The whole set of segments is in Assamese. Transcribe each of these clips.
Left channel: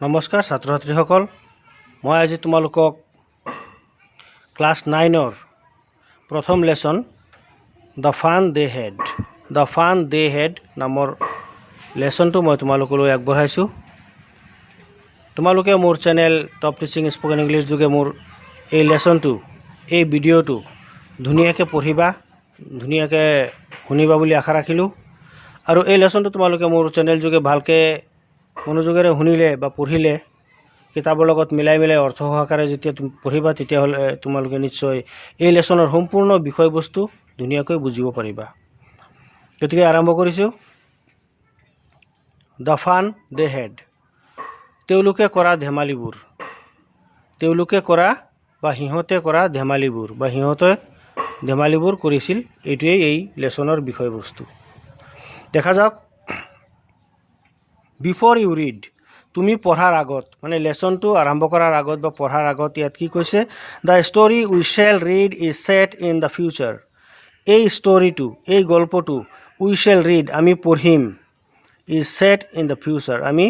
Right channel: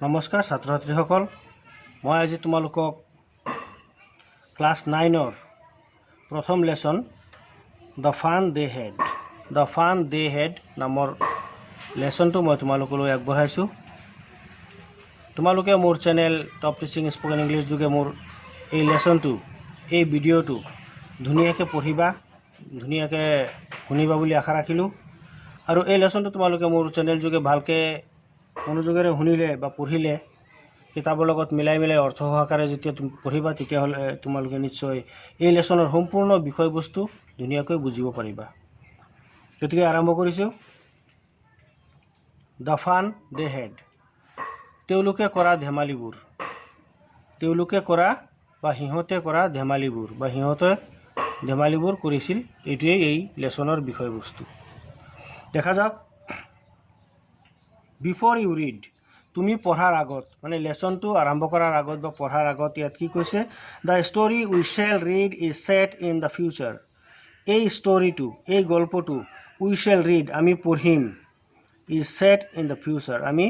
নমস্কাৰ ছাত্ৰ ছাত্ৰীসকল, মই আজি তোমালোকক ক্লাছ 9ৰ প্ৰথম lesson the fun they had নামৰ লেসনটো মই তোমালোকলৈ আগবঢ়াইছোঁ। তোমালোকে মোৰ channel top teaching spoken English যোগে মোৰ এই লেসনটো এই ভিডিঅ'টো ধুনীয়াকৈ পঢ়িবা, ধুনীয়াকৈ শুনিবা বুলি আশা ৰাখিলোঁ। আৰু এই লেসনটো তোমালোকে মোৰ চেনেল যোগে ভালকৈ মনোযোগেৰে শুনিলে বা পঢ়িলে কিতাপৰ লগত মিলাই অৰ্থ সহকাৰে যেতিয়া তুমি পঢ়িবা তেতিয়াহ'লে তোমালোকে নিশ্চয় এই লেসনৰ সম্পূৰ্ণ বিষয়বস্তু ধুনীয়াকৈ বুজিব পাৰিবা। গতিকে আৰম্ভ কৰিছোঁ। দ্য ফান দে হেড, তেওঁলোকে কৰা ধেমালিবোৰ কৰিছিল, এইটোৱেই এই লেসনৰ বিষয়বস্তু। দেখা যাওক। বিফৰ ইউ ৰিড, তুমি পঢ়াৰ আগত, মানে লেসনটো আৰম্ভ কৰাৰ আগত বা পঢ়াৰ আগত ইয়াত কি কৈছে? The story we shall read is set in the future. এই ষ্টৰীটো, এই গল্পটো উই শ্বেল ৰিড, আমি পঢ়িম, is set in the future, আমি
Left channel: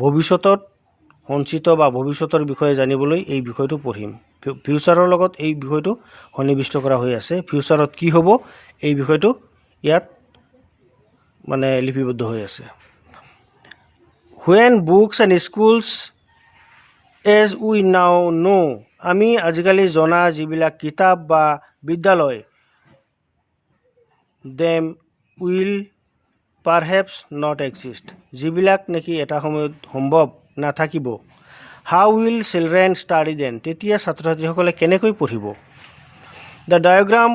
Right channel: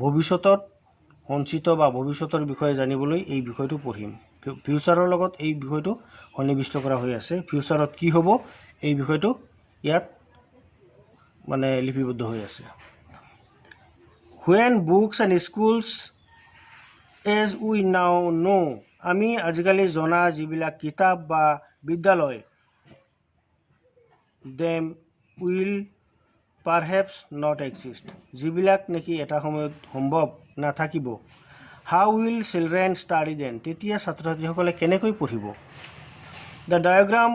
ভৱিষ্যতত সঞ্চিত বা ভৱিষ্যতৰ বিষয়ে জানিবলৈ এই বিষয়টো পঢ়িম। ফিউচাৰৰ লগত এই বিষয়টো সন্নিৱিষ্ট কৰা হৈ আছে। ফিউচাৰত কি হ'ব এই বিষয়টো ইয়াত মানে লিপিবদ্ধ হৈ আছে। When books and schools as we now know, আমি আজিকালি জনা যিবিলাক কিতাপ বা বিদ্যালয়, them will perhaps not exist, যিবিলাক নেকি এটা সময়ত সম্ভৱ নাথাকিব। How will children study then? তেতিয়া ছাত্ৰ ছাত্ৰীসকলে কেনেকৈ পঢ়িব? The diagram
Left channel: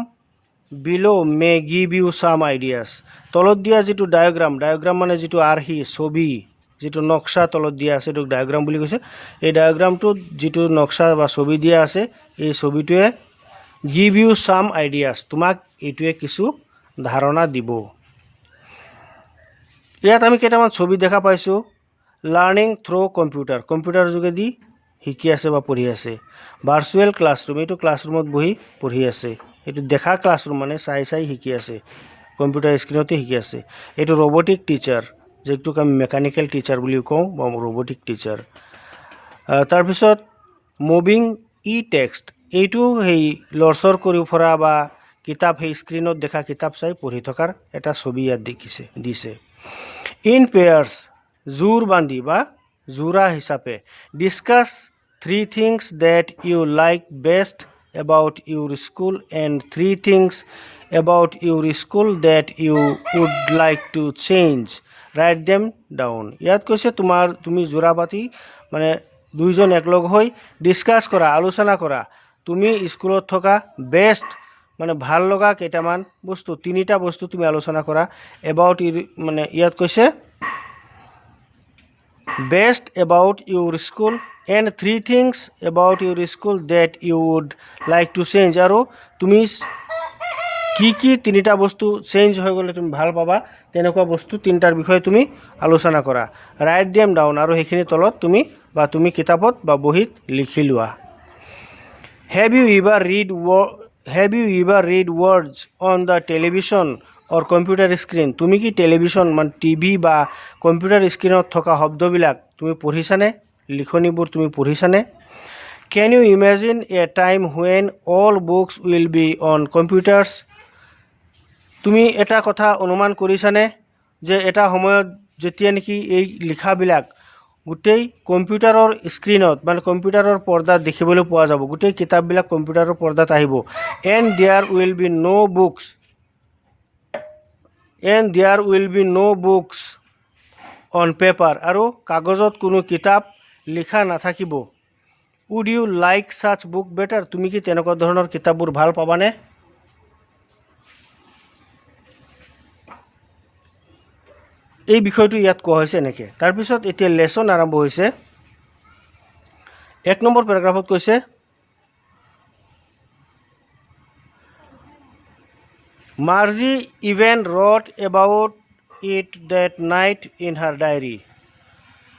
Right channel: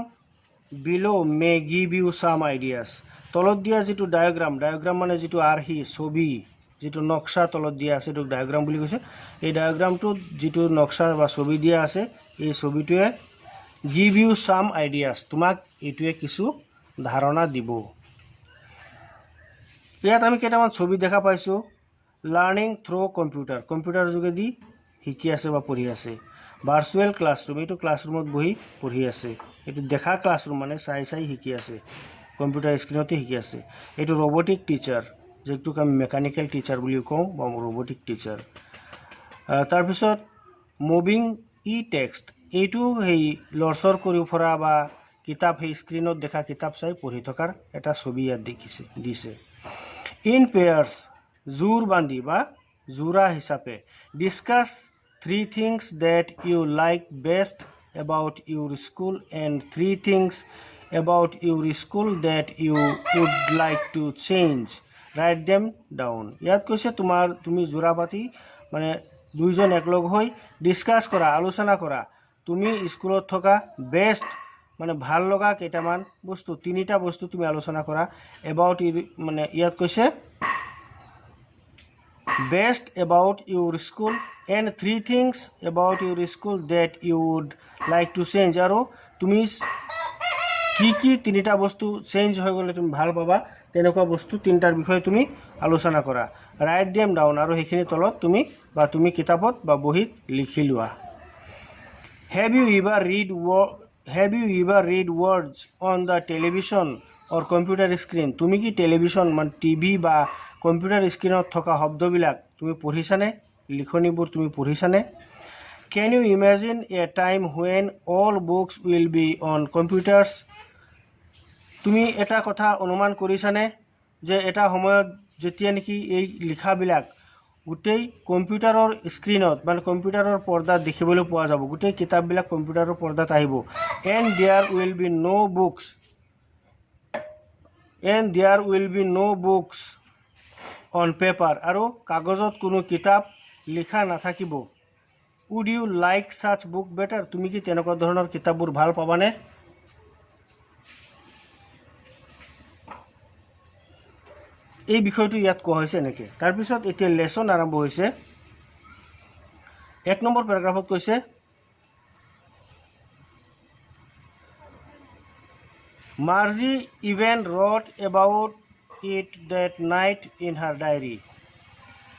below may give you some ideas. তলত দিয়া যিটো ডায়াগ্ৰাম মানে যিটো আৰ্হি ছবি, যিটো নক্সা তলত দিয়া আছে, এইটো ডায়াগ্ৰাম বুলি কৈছে। এই ডায়াগ্ৰামটোত যিটো নক্সা বা ছবি দিয়া আছে, এই ছবিটোৱে গিভ ইউ চাম আইডিয়াছ, তোমাক এইটোৱে কিছু ধাৰণা দিব। ইয়াত আমি কেইটামান ছবি দেখা পাইছোঁ। লাৰ্ণিং থ্ৰু কম্পিউটাৰ যোগেদি শিকি আছে বা পঢ়ি আছে। ভাৰ্চুৱেল ক্লাছৰুম, এইটো ক্লাছৰুমত বহি পঢ়ি আছে। এইটো দেখা ক্লাছৰুম মানে চাই শিকি আছে, কম্পিউটাৰ স্ক্ৰীণতে শিকি আছে। এইটো ৰবটিক টিচাৰ, যিটোক আমি মেকানিকেল টিচাৰ বুলিও কওঁ বা ৰবটিক টিচাৰ। তাৰপিছত মুভিং ই টেক্সট, এইটো সেই লৰচৰ কৰি ফুৰা বা কিতাপ, সেই স্ক্ৰীণত দেখা কিতাপ চাই পঢ়ি থকাৰ এটা ছবি ইয়াত দিছে। ইন পেয়াৰ্ছ, জোৰ বান্ধি বা যোৰা হিচাপে। Discuss 3 things that you like best about your school and 3 things about your school that you would like to change. Write them down. ইয়াত কৈছে তুমি যোৰা পাতি মানে দুইজন একলগ হৈ ডিছকাছ কৰা, আলোচনা কৰা, তুমি স্কুলত থকা বেষ্ট মানে ভাল লগা কেইটামান বস্তু, 3টা বস্তু তুমি আলোচনা কৰা। এবাউট মানে ইয়াত কৈছে best about Euro school and 3 things about your school that you would like to change. আৰু তুমি কি 3টা বস্তু চেঞ্জ হৈ গ'লে তুমি ভাল পাবা, তেনেকুৱা বস্তু 3টাৰ বিষয়ে তুমি আলোচনা কৰা। ৰাইট দেম ডাউন, আৰু সেইখিনি তলত তুমি কিতাপত বা বহীত লিখি লোৱা। Have you ever read words on the television or computer screen, তুমি কি টেলিভিশ্যন মানে টিভি বা কম্পিউটাৰ স্ক্ৰীণত থকা শব্দবিলাক তুমি পঢ়িছানে? লিখনিবোৰ তুমি পঢ়িছানে? Can you imagine a time when all books will be on computers, তুমি এটা কথা অনুমান কৰিছানে যে এটা সময়ত যেতিয়া নেকি এই লিখাবিলাক গোটেই কম্পিউটাৰৰ স্ক্ৰীণত মানে কম্পিউটাৰৰ পৰ্দাত দেখিবলৈ পোৱা যাব, গোটেই কিতাপবিলাক কম্পিউটাৰৰ পৰ্দাত আহিব। And there will be no' books on paper, আৰু কাগজত কোনো কিতাপ লিখা নাথাকিব। Would you like such book better, তুমি কি তেনেকুৱা ধৰণৰ কিতাপবোৰ ভাল পাবানে? এই বিষয়টো ইয়াত কোৱা হৈছে এনেকৈ। তাৰপিছত এতিয়া লেসন আৰম্ভ হৈছে। 1 নম্বৰ পেৰাগ্ৰাফত কৈছে Margie even wrote about it that night in her diary.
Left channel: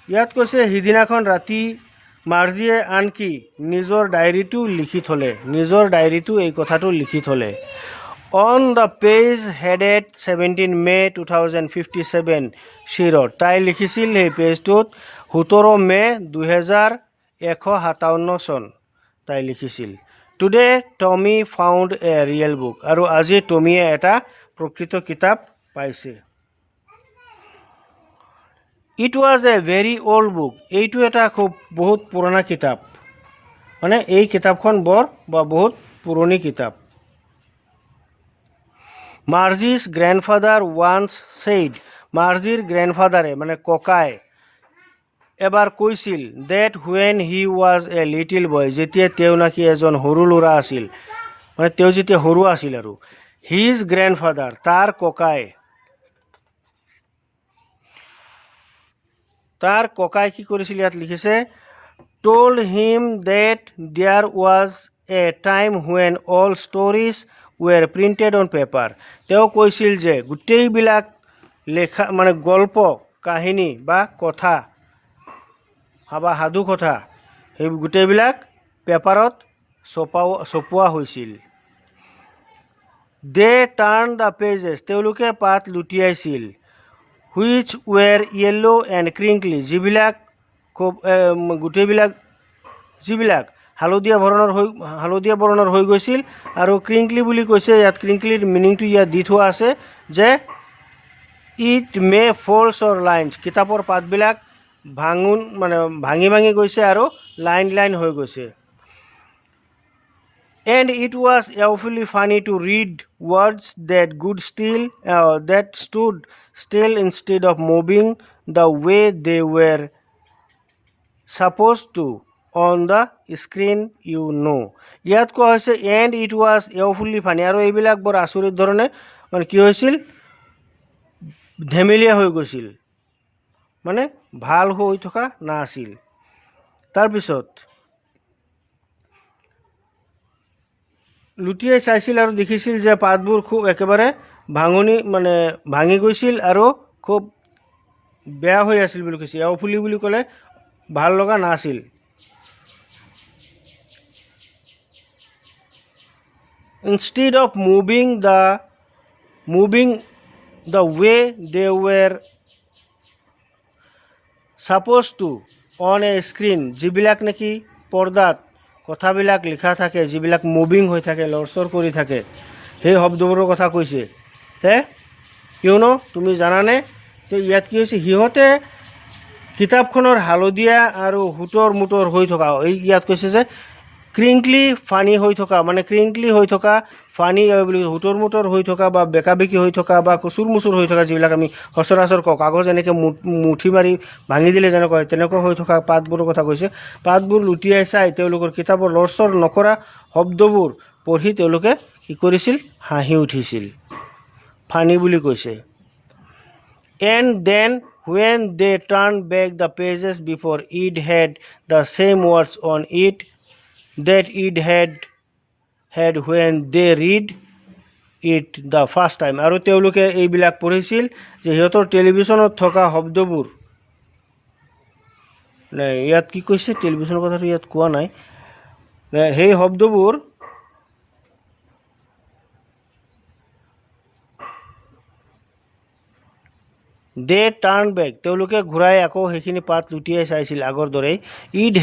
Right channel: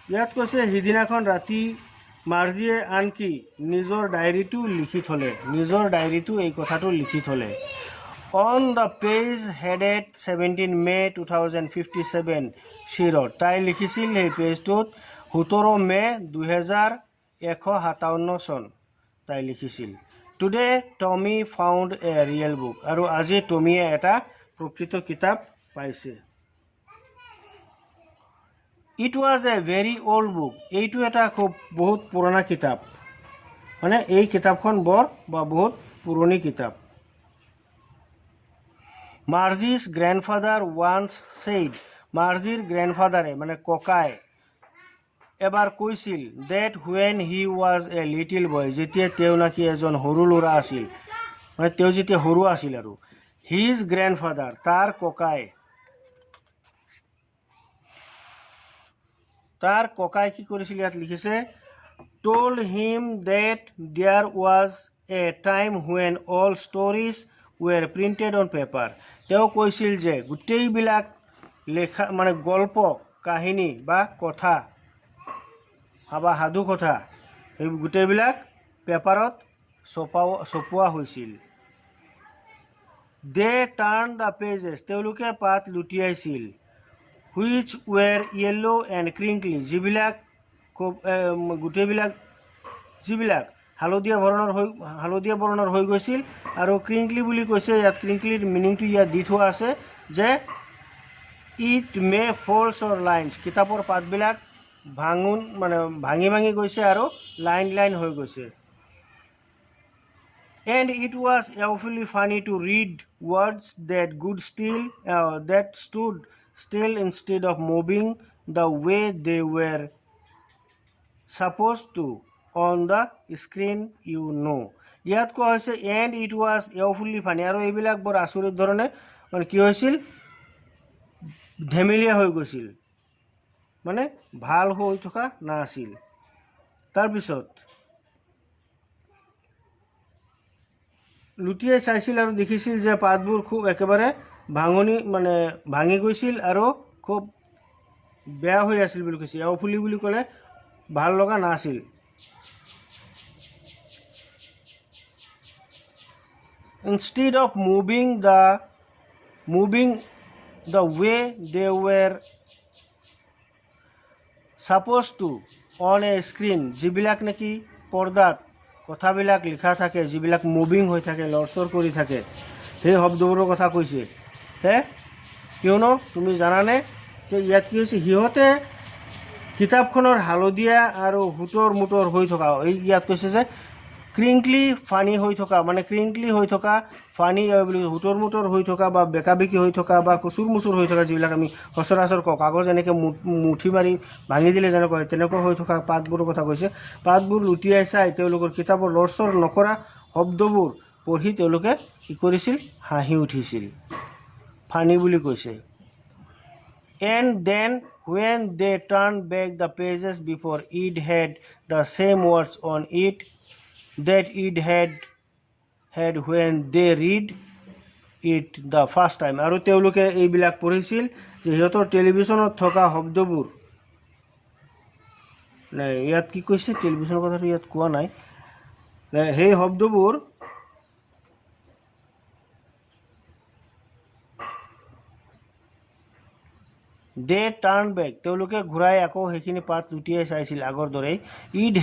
ইয়াত কৈছে সিদিনাখন ৰাতি মাৰ্জিয়ে আনকি নিজৰ ডায়েৰীটো এই কথাটো লিখি থ'লে। On the page headed 17 May 2057 she wrote, তাই লিখিছিল সেই পেজটোত 17 মে 2157 চন তাই লিখিছিল। টুডে টমি ফাউণ্ড এ ৰিয়েল বুক, আৰু আজি টমিয়ে এটা প্ৰকৃত কিতাপ পাইছে। It was a very old book, এইটো এটা খুব বহুত পুৰণা কিতাপ, মানে এই কিতাপখন বহুত পুৰণি কিতাপ। মাৰ্জিজ গ্ৰেণ্ডফাদাৰ ওৱান্স ছেইড, মাৰ্জিৰ গ্ৰেণ্ডফাদাৰে মানে ককাই এবাৰ কৈছিল that when he was a little boy, যেতিয়া তেওঁ নাকি এজন সৰু ল'ৰা আছিল, মানে তেওঁ যেতিয়া সৰু আছিল আৰু হিজ গ্ৰেণ্ডফাদাৰ তাৰ ককাই কি কৰিছিল ইয়াত লিখিছে told him that there was a time when all stories were printed on paper, তেওঁ কৈছিল যে গোটেইবিলাক লেখা মানে গল্প কাহিনী বা কথা বা সাধু কথা সেই গোটেইবিলাক পেপাৰত ছপোৱা হৈছিল। দে টাৰ্ণ দ্য পেজেছ, তেওঁলোকে পাত লুটিয়াইছিল। হুইচ ৱেৰ য়েল্লো এণ্ড ক্ৰিংকলি, যিবিলাক হালধীয়া বৰণৰ হৈ গৈছিল। আৰু ক্ৰিংকলি বুলি কৈছে, ইয়াত ক্ৰিংকলিৰ মিনিংটো ইয়াত দি থোৱা আছে যে it may folds or lines, কিতাপৰ পাতবিলাক ভাঙি গৈছে আৰু লাইন হৈ গৈছে। And it was awfully funny to read words that stood still instead of moving the way they were supposed to on the screen you know, ইয়াত কোৱা হৈছে and it was awfully funny, আৰু এইবিলাক বৰ আচৰিত ধৰণে মানে কি হৈছিল ধেমেলীয়া হৈ গৈছিল, মানে ভাল হৈ থকা নাছিল। তাৰপিছত লুটিয়াই চাইছিল আৰু দেখিছিল যে পাতবোৰ খুব একেবাৰে ভাঙি গৈছিল আৰু খুব বেয়া হৈ আছিল বুলি কৈছে। awfully বুলি ক'লে ভাল লগা নাছিল। instead of moving the way they were supposed to on a screen, যিবিলাক নেকি পৰ্দাত কথাবিলাক লিখা থাকে, যিবিলাক মুভিং হৈ থাকে, লৰচৰ কৰি থাকে, সেই শব্দবোৰৰ কথা কৈছে। কিয়নো তুমি জানানে যে ইয়াত কি হৈছে, সিহঁতে কিতাপখনৰ হালধীয়া আৰু হুটৰ মুটৰ হৈ থকা, ইয়াত কৈছে যে ক্ৰিংকলি ফানি হৈ থকা, মানে ক্ৰিংকলি হৈ থকা, ফানি বুলি হুটৰ মুটৰ হৈ থকা বা বেকাবেকি হৈ থকা বা কচুৰ মুচুৰ হৈ থকা, যিবিলাক আমি সচৰাচৰ কওঁ, কাগজ এনেকৈ মুঠি মাৰি ভাঙি দিলে যেনেকুৱা হয় তেনেকুৱা হৈ থকা পাতবোৰৰ কথা কৈছে। পাতবোৰ লুটিয়াই চাই তেওঁলোকৰ কিতাপৰ লৰচৰ নকৰা শব্দবোৰ পঢ়ি তেওঁলোকে কি কৰিছিল, হাঁহি উঠিছিল, ফানি বুলি কৈছে। And then when they turned back the pages before it had the same words on it that it had when they read it the first time, আৰু তেওঁলোকে এইবিলাক পঢ়িছিল যে সিহঁতৰ টেলিভিশ্যনত থকা শব্দবোৰ, নাই ইয়াত কি কৈছে টেলিভিশ্যনৰ কথাটো ইয়াত কোৱা নাই, সেই শব্দবোৰ দে টাৰ্ণ বেক, তেওঁলোকে ঘূৰাই আকৌ সেইখিনি পাত লুটিয়াই চাইছিল আগৰ দৰেই। It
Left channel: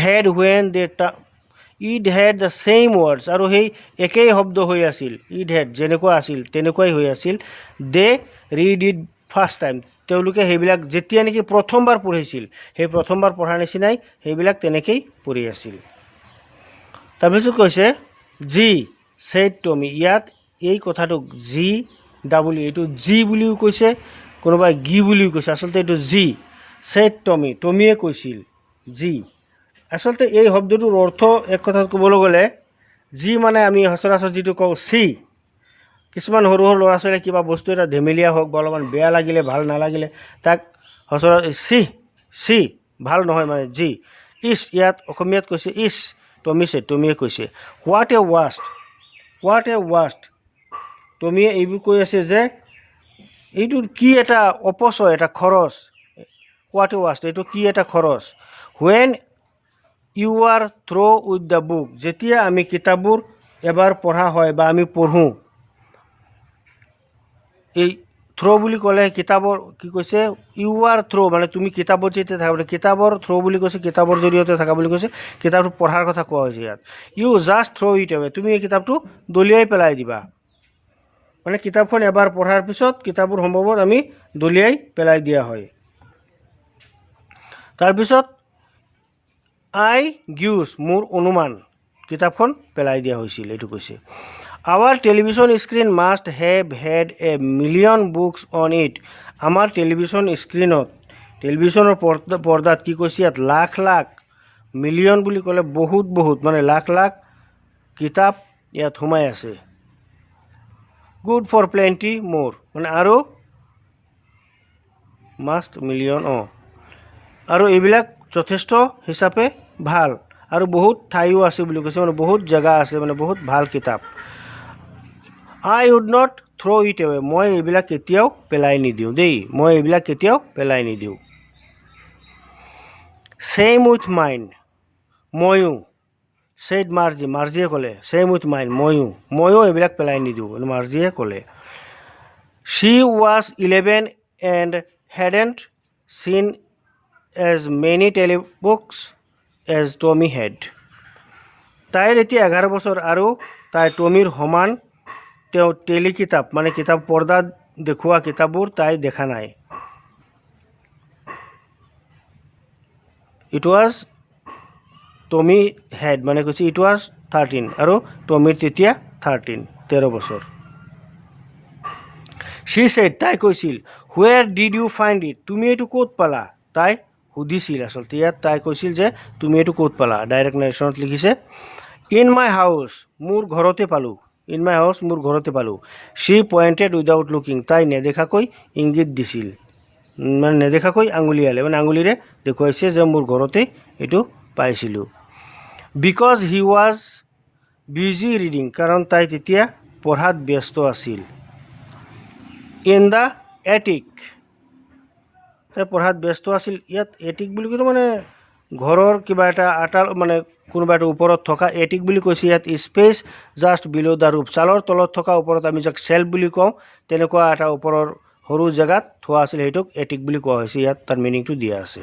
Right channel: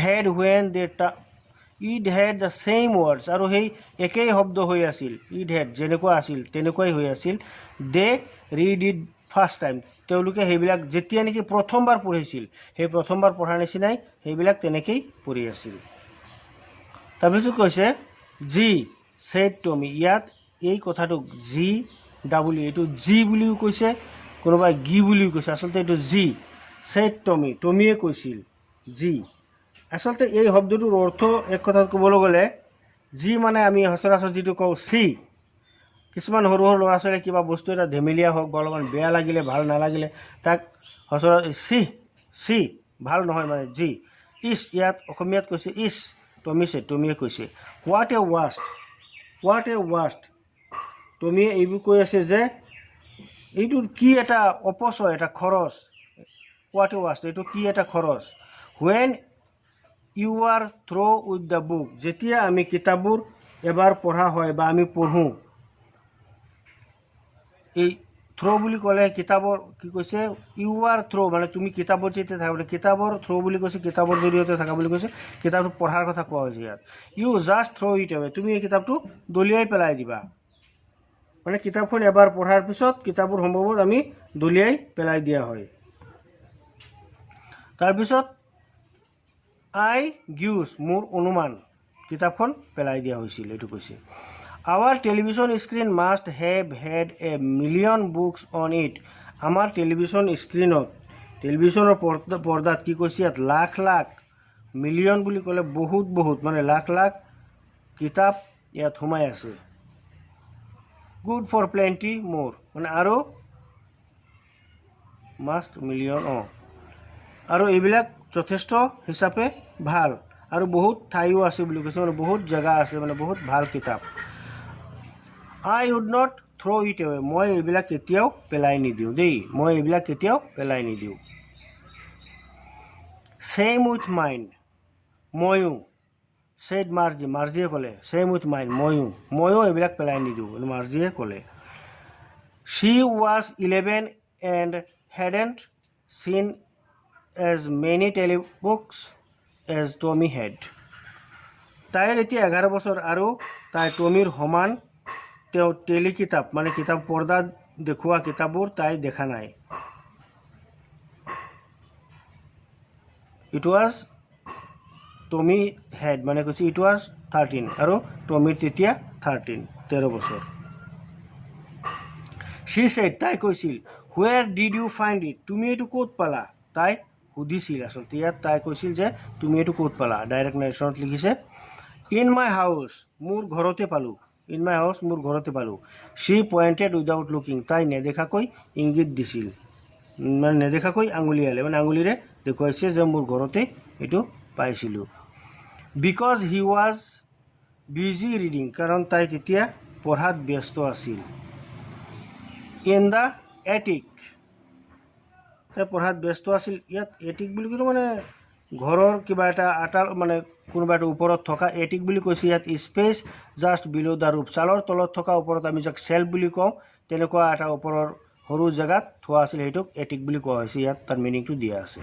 head the same words, আৰু সেই একেই শব্দ হৈ আছিল, ইট হেড যেনেকুৱা আছিল তেনেকুৱাই হৈ আছিল। দে ৰিড ইট ফাৰ্ষ্ট টাইম, তেওঁলোকে সেইবিলাক যেতিয়া নেকি প্ৰথমবাৰ পঢ়িছিল, সেই প্ৰথমবাৰ পঢ়াৰ নিচিনাই সেইবিলাক তেনেকেই পঢ়ি আছিল। তাৰপিছত কৈছে জি ছেইড টমি, ইয়াত এই কথাটোক জি ডাবল এইটো জি বুলিও কৈছে, কোনোবাই গি বুলিও কৈছে, আচলতে এইটো জি ছেইড টমি, টমিয়ে কৈছিল জি। আচলতে এই শব্দটোৰ অৰ্থ এক কথাত ক'বলৈ গ'লে জি মানে আমি সচৰাচৰ যিটো কওঁ চি, কিছুমান সৰু ল'ৰা ছোৱালীয়ে কিবা বস্তু এটা ধেমেলীয়া হওক বা অলপমান বেয়া লাগিলে ভাল নালাগিলে তাক সচৰাচৰ চি ভাল নহয় মানে জি। ইছ, ইয়াত অসমীয়াত কৈছে ইছ, টমিয়ে কৈছে হোৱাট এ ৱাষ্ট, টমিয়ে এইবোৰ কৈ আছে যে এইটোৰ কি এটা অপচয়, এটা খৰচ, হোৱাট এ ৱাষ্ট, এইটো কি এটা খৰচ। When you are through with the book, যেতিয়া আমি কিতাপবোৰ এবাৰ পঢ়া হয় বা আমি পঢ়োঁ, এই থ্ৰ' বুলি ক'লে কিতাপৰ কি কৈছে ইউ আৰ থ্ৰ' মানে তুমি কিতাপৰ যেতিয়া থাকা কিতাপৰ থ্ৰ' বুলি কৈছে কিতাপৰ জৰিয়তে থকা বুলি কৈছে কিতাপটো পঢ়াৰ কথা কোৱা হৈছে ইয়াত you just throw' it away তুমি এই কিতাপটো দলিয়াই পেলাই দিবা মানে কিতাপখন এবাৰ পঢ়াৰ পিছত কিতাপৰ সম্ভৱত আমি দলিয়াই পেলাই দিয়া হয় তাৰপিছত আই গিউজ মোৰ অনুমান কিতাপখন পেলাই দিয়া হৈছিল এইটো কৈছে Our television screen must have had a million books on it. আমাৰ টেলিভিশ্যন স্ক্ৰীনত টেলিভিশ্যনৰ পৰ্দাত কি কৈছে ইয়াত লাখ লাখ মিলিয়ন বুলি ক'লে বহুত বহুত মানে লাখ লাখ কিতাপ ইয়াত সোমাই আছে গুড ফৰ প্লেণ্টি মোৰ মানে আৰু মাষ্ট মিলিয়ন আৰু এইবিলাক যথেষ্ট হিচাপে ভাল আৰু বহুত ঠাইও আছে বুলি কৈছে মানে বহুত জেগা আছে মানে বহুত ভাল কিতাপ I would not throw it away. মই এইবিলাক কেতিয়াও পেলাই নিদিওঁ দেই মই এইবিলাক কেতিয়াও পেলাই নিদিওঁ Same with mine. ময়ো said Margie. মাৰ্জিয়ে ক'লে Same with mine. ময়ো এইবিলাক পেলাই নিদিওঁ মাৰ্জিয়ে ক'লে She was 11 and hadn't seen as many telebooks as Tommy had. তাইৰ এতিয়া 11 বছৰ আৰু তাই টমিৰ সমান তেওঁ টেলি কিতাপ মানে কিতাপ পৰ্দাত দেখুওৱা কিতাপবোৰ তাই দেখা নাই ইট ৱাজ টমি হেড মানে কৈছে ইট ৱাজ 13 আৰু টমিৰ তেতিয়া 13 বছৰ she said তাই কৈছিল where did you find it তুমি এইটো ক'ত পালা তাই সুধিছিল আসলতে ইয়াত তাই কৈছিল যে তুমি এইটো ক'ত পালা ডাইৰেক্ট নেৰেশ্যনত লিখিছে in my house মোৰ ঘৰতে পালো In my house মোৰ ঘৰতে পালো she pointed without looking তাই নেদেখাকৈ ইংগিত দিছিল মানে নেদেখাকৈ আঙুলিয়ালে মানে আঙুলিৰে দেখুৱাইছে যে মোৰ ঘৰতে এইটো পাইছিলোঁ because he was busy reading কাৰণ তাই তেতিয়া পঢ়াত ব্যস্ত আছিল in the attic তাই পঢ়াত ব্যস্ত আছিল ইয়াত এটিক বুলি ক'লে মানে ঘৰৰ কিবা এটা আটাল মানে কোনোবা এটা ওপৰত থকা এটিক বুলি কৈছে ইয়াত স্পেচ জাষ্ট বিলো দ্য ৰুফ চালৰ তলত থকা ওপৰত আমি যাক চেল্ফ বুলি কওঁ তেনেকুৱা এটা ওপৰৰ সৰু জেগাত থোৱা আছিল সেইটোক এটিক বুলি কোৱা হৈছে ইয়াত তাৰ মিনিংটো দিয়া আছে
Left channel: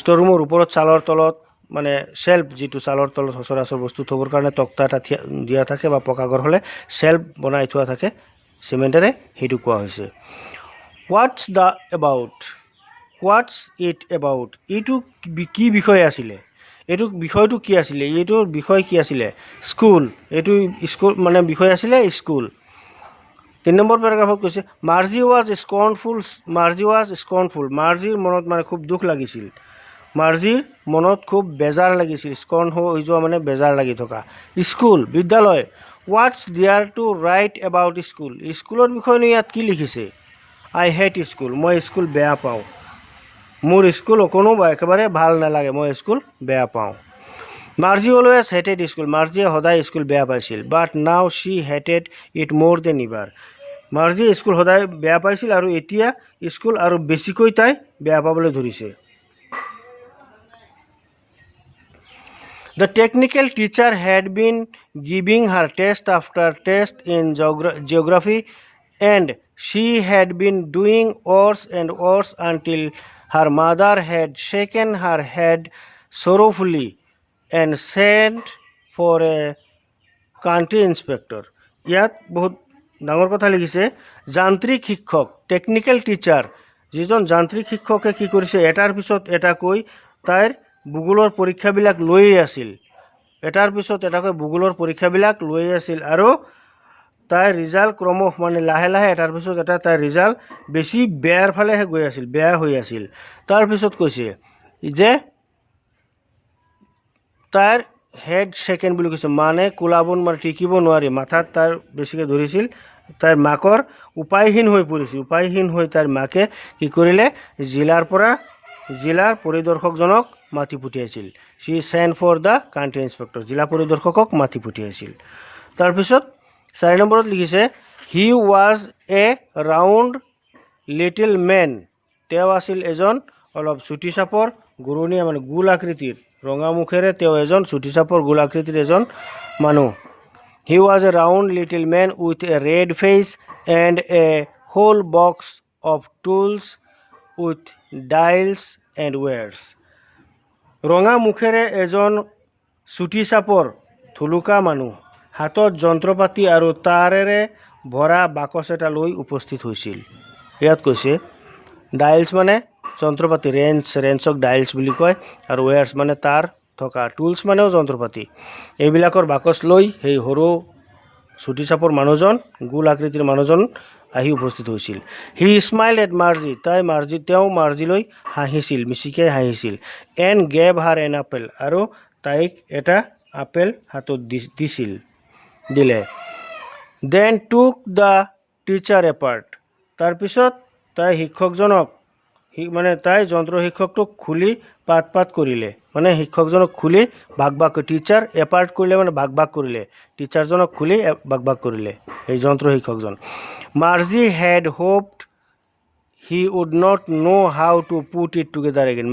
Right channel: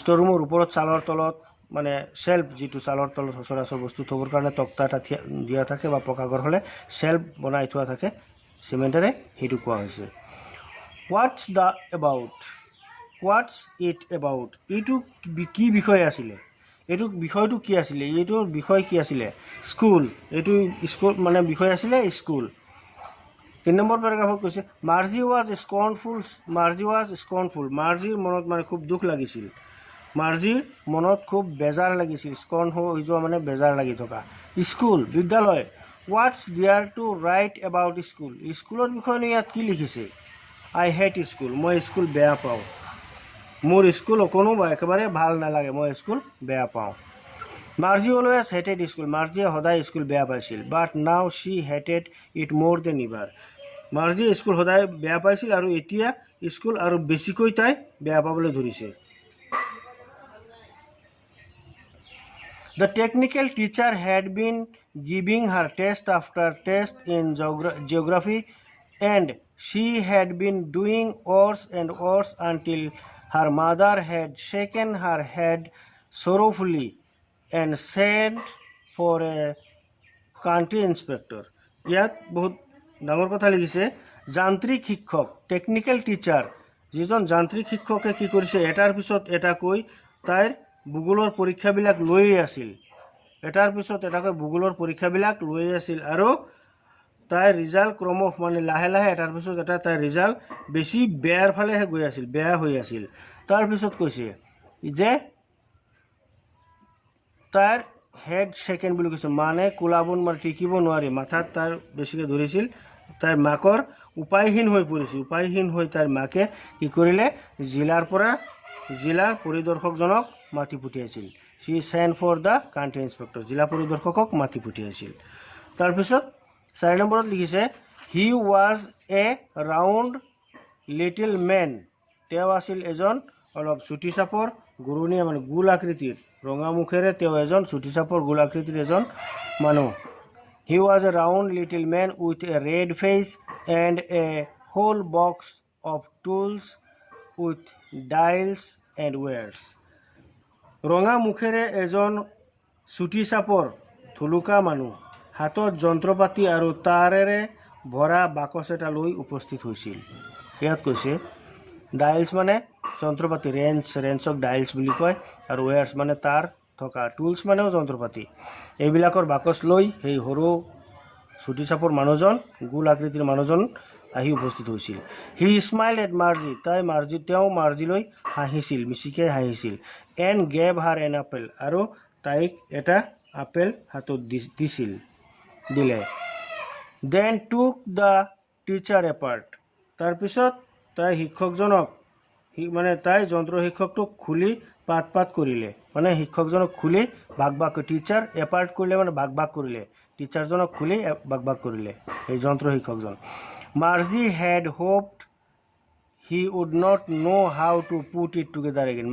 ষ্ট'ৰ ৰুমৰ ওপৰত চালৰ তলত মানে চেল্ফ যিটো চালৰ তলত সচৰাচৰ বস্তু থবৰ কাৰণে তক্তা এটা দিয়া থাকে বা পকা ঘৰ হ'লে চেল্ফ বনাই থোৱা থাকে চিমেণ্টেৰে সেইটো কোৱা হৈছে Whats the about Whats it about এইটো কি বিষয় আছিলে এইটো বিষয়টো কি আছিলে এইটোৰ বিষয় কি আছিলে স্কুল এইটো স্কুল মানে বিষয় আছিলে স্কুল 3 নম্বৰ পেৰাগ্ৰাফত কৈছে মাৰ্জি ৱাজ স্কৰ্ণফুল মাৰ্জিৰ মনত মানে খুব দুখ লাগিছিল মাৰ্জিৰ মনত খুব বেজাৰ লাগিছিল স্কৰ্ণ হৈ যোৱা মানে বেজাৰ লাগি থকা স্কুল বিদ্যালয় what's there to write about স্কুলৰ বিষয়ে ইয়াত কি লিখিছে আই হেট স্কুল মই স্কুল বেয়া পাওঁ মোৰ স্কুল অকণো একেবাৰে ভাল নালাগে মই স্কুল বেয়া পাওঁ মাৰ্জি অলৱেজ হেটেড স্কুল মাৰ্জিয়ে সদায় স্কুল বেয়া পাইছিল but now Shi hated it মোৰ দেন ইভাৰ মাৰ্জিয়ে স্কুল সদায় বেয়া পাইছিল আৰু এতিয়া স্কুল আৰু বেছিকৈ তাই বেয়া পাবলৈ ধৰিছে The technical teacher had been giving her test after test in geography and she had been doing worse and worse until her mother had shaken her head sorrowfully and sent for a country inspector. ইয়াত বহুত ডাঙৰ কথা লিখিছে যান্ত্ৰিক শিক্ষক টেকনিক্যাল টিচাৰ যিজন যান্ত্ৰিক শিক্ষকে কি কৰিছে এটাৰ পিছত এটাকৈ তাইৰ ভূগোলৰ পৰীক্ষাবিলাক লৈয়ে আছিল এটাৰ পিছত এটাকৈ ভূগোলৰ পৰীক্ষাবিলাক লৈয়ে আছিল আৰু তাইৰ ৰিজাল্ট ক্ৰমশ মানে লাহে লাহে এটাৰ পিছত এটা তাইৰ ৰিজাল্ট বেছি বেয়াৰ ফালেহে গৈ আছিল বেয়া হৈ আছিল তাৰপিছত কৈছে যে তাইৰ হেড সেকেণ্ড বুলি কৈছে মানে কোলাব মানে টিকিব নোৱাৰি মাথাত তাইৰ বেছিকৈ ধৰিছিল তাইৰ মাকৰ উপায়হীন হৈ পৰিছিল উপায়হীন হৈ তাইৰ মাকে কি কৰিলে জিলাৰ পৰিদৰ্শকজনক মাতি পঠিয়াইছিল she sent for the country inspector জিলা পৰিদৰ্শকক মাতি পঠিয়াইছিল তাৰপিছত 4 নম্বৰত লিখিছে he was a round little man তেওঁ আছিল এজন অলপ চুটি চাপৰ গুৰুণীয়া মানে গোল আকৃতিৰ ৰঙা মুখেৰে তেওঁ এজন চুটি চাপৰ গোল আকৃতিৰ এজন মানুহ he was a round little man with a red face and a whole box of tools with dials and wires. ৰঙা মুখেৰে এজন চুটি চাপৰ থুলুকা মানুহ হাতত যন্ত্ৰপাতি আৰু তাৰেৰে ভৰা বাকচ এটা লৈ উপস্থিত হৈছিল। ইয়াত কৈছে ডাইলছ মানে যন্ত্ৰপাতি, ৰেঞ্চক ডাইলছ বুলি কয়, আৰু ৱেয়াৰ্ছ মানে তাৰ থকা, টুলছ মানেও যন্ত্ৰপাতি। এইবিলাকৰ বাকচ লৈ সেই সৰু চুটি চাপৰ মানুহজন, গোল আকৃতিৰ মানুহজন আহি উপস্থিত হৈছিল। হি স্মাইল এট মাৰ্জি, তেওঁ মাৰ্জিলৈ হাঁহিছিল, মিচিকে হাঁহিছিল। And gave her an apple, আৰু তাইক এটা আপেল হাতত দিলে। Then took the teacher apart, তাৰপিছত তাই শিক্ষকজনক তাই যন্ত্ৰ শিক্ষকটোক খুলি পাত কৰিলে, মানে শিক্ষকজনক খুলি ভাগ টিচাৰ এপাৰ্ট কৰিলে মানে ভাগ কৰিলে, টিচাৰজনক খুলি ভাগ কৰিলে এই যন্ত্ৰ শিক্ষকজন। Margie had hoped he would not know' how to put it together again.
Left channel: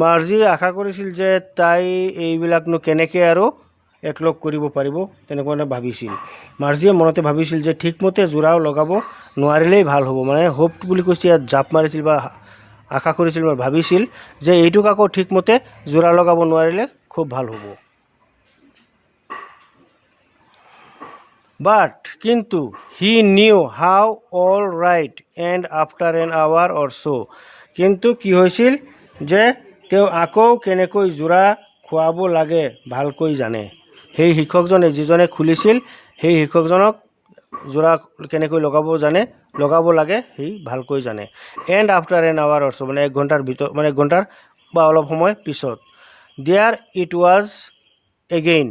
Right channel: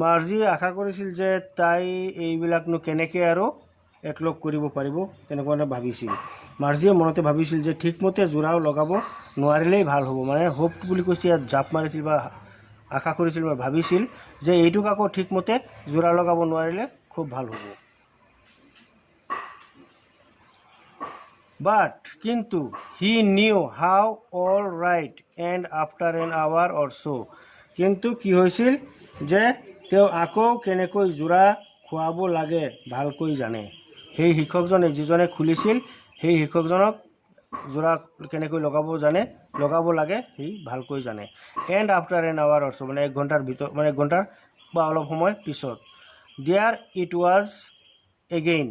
Margie আশা কৰিছিল যে তাই এইবিলাকনো কেনেকৈ আৰু একলগ কৰিব পাৰিব, তেনেকুৱা ভাবিছিল। মাৰ্জিয়ে মনতে ভাবিছিল যে ঠিকমতে যোৰাও লগাব নোৱাৰিলেই ভাল হ'ব, মানে হোপ বুলি কৈছে ইয়াত জাপ মাৰিছিল বা আশা কৰিছিল বা ভাবিছিল যে এইটোক আকৌ ঠিকমতে যোৰা লগাব নোৱাৰিলে খুব ভাল হ'ব। বাট কিন্তু he knew how all right and after an hour or so', কিন্তু কি হৈছিল যে তেওঁ আকৌ কেনেকৈ যোৰা খোৱাব লাগে ভালকৈ জানে। সেই শিক্ষকজনে যিজনে খুলিছিল সেই শিক্ষকজনক যোৰা কেনেকৈ লগাব লাগে সি ভালকৈ জানে। And after an hour or ছ', মানে 1 ঘণ্টাৰ ভিতৰত, মানে 1 ঘণ্টাৰ বা অলপ সময় পিছত। There it was again,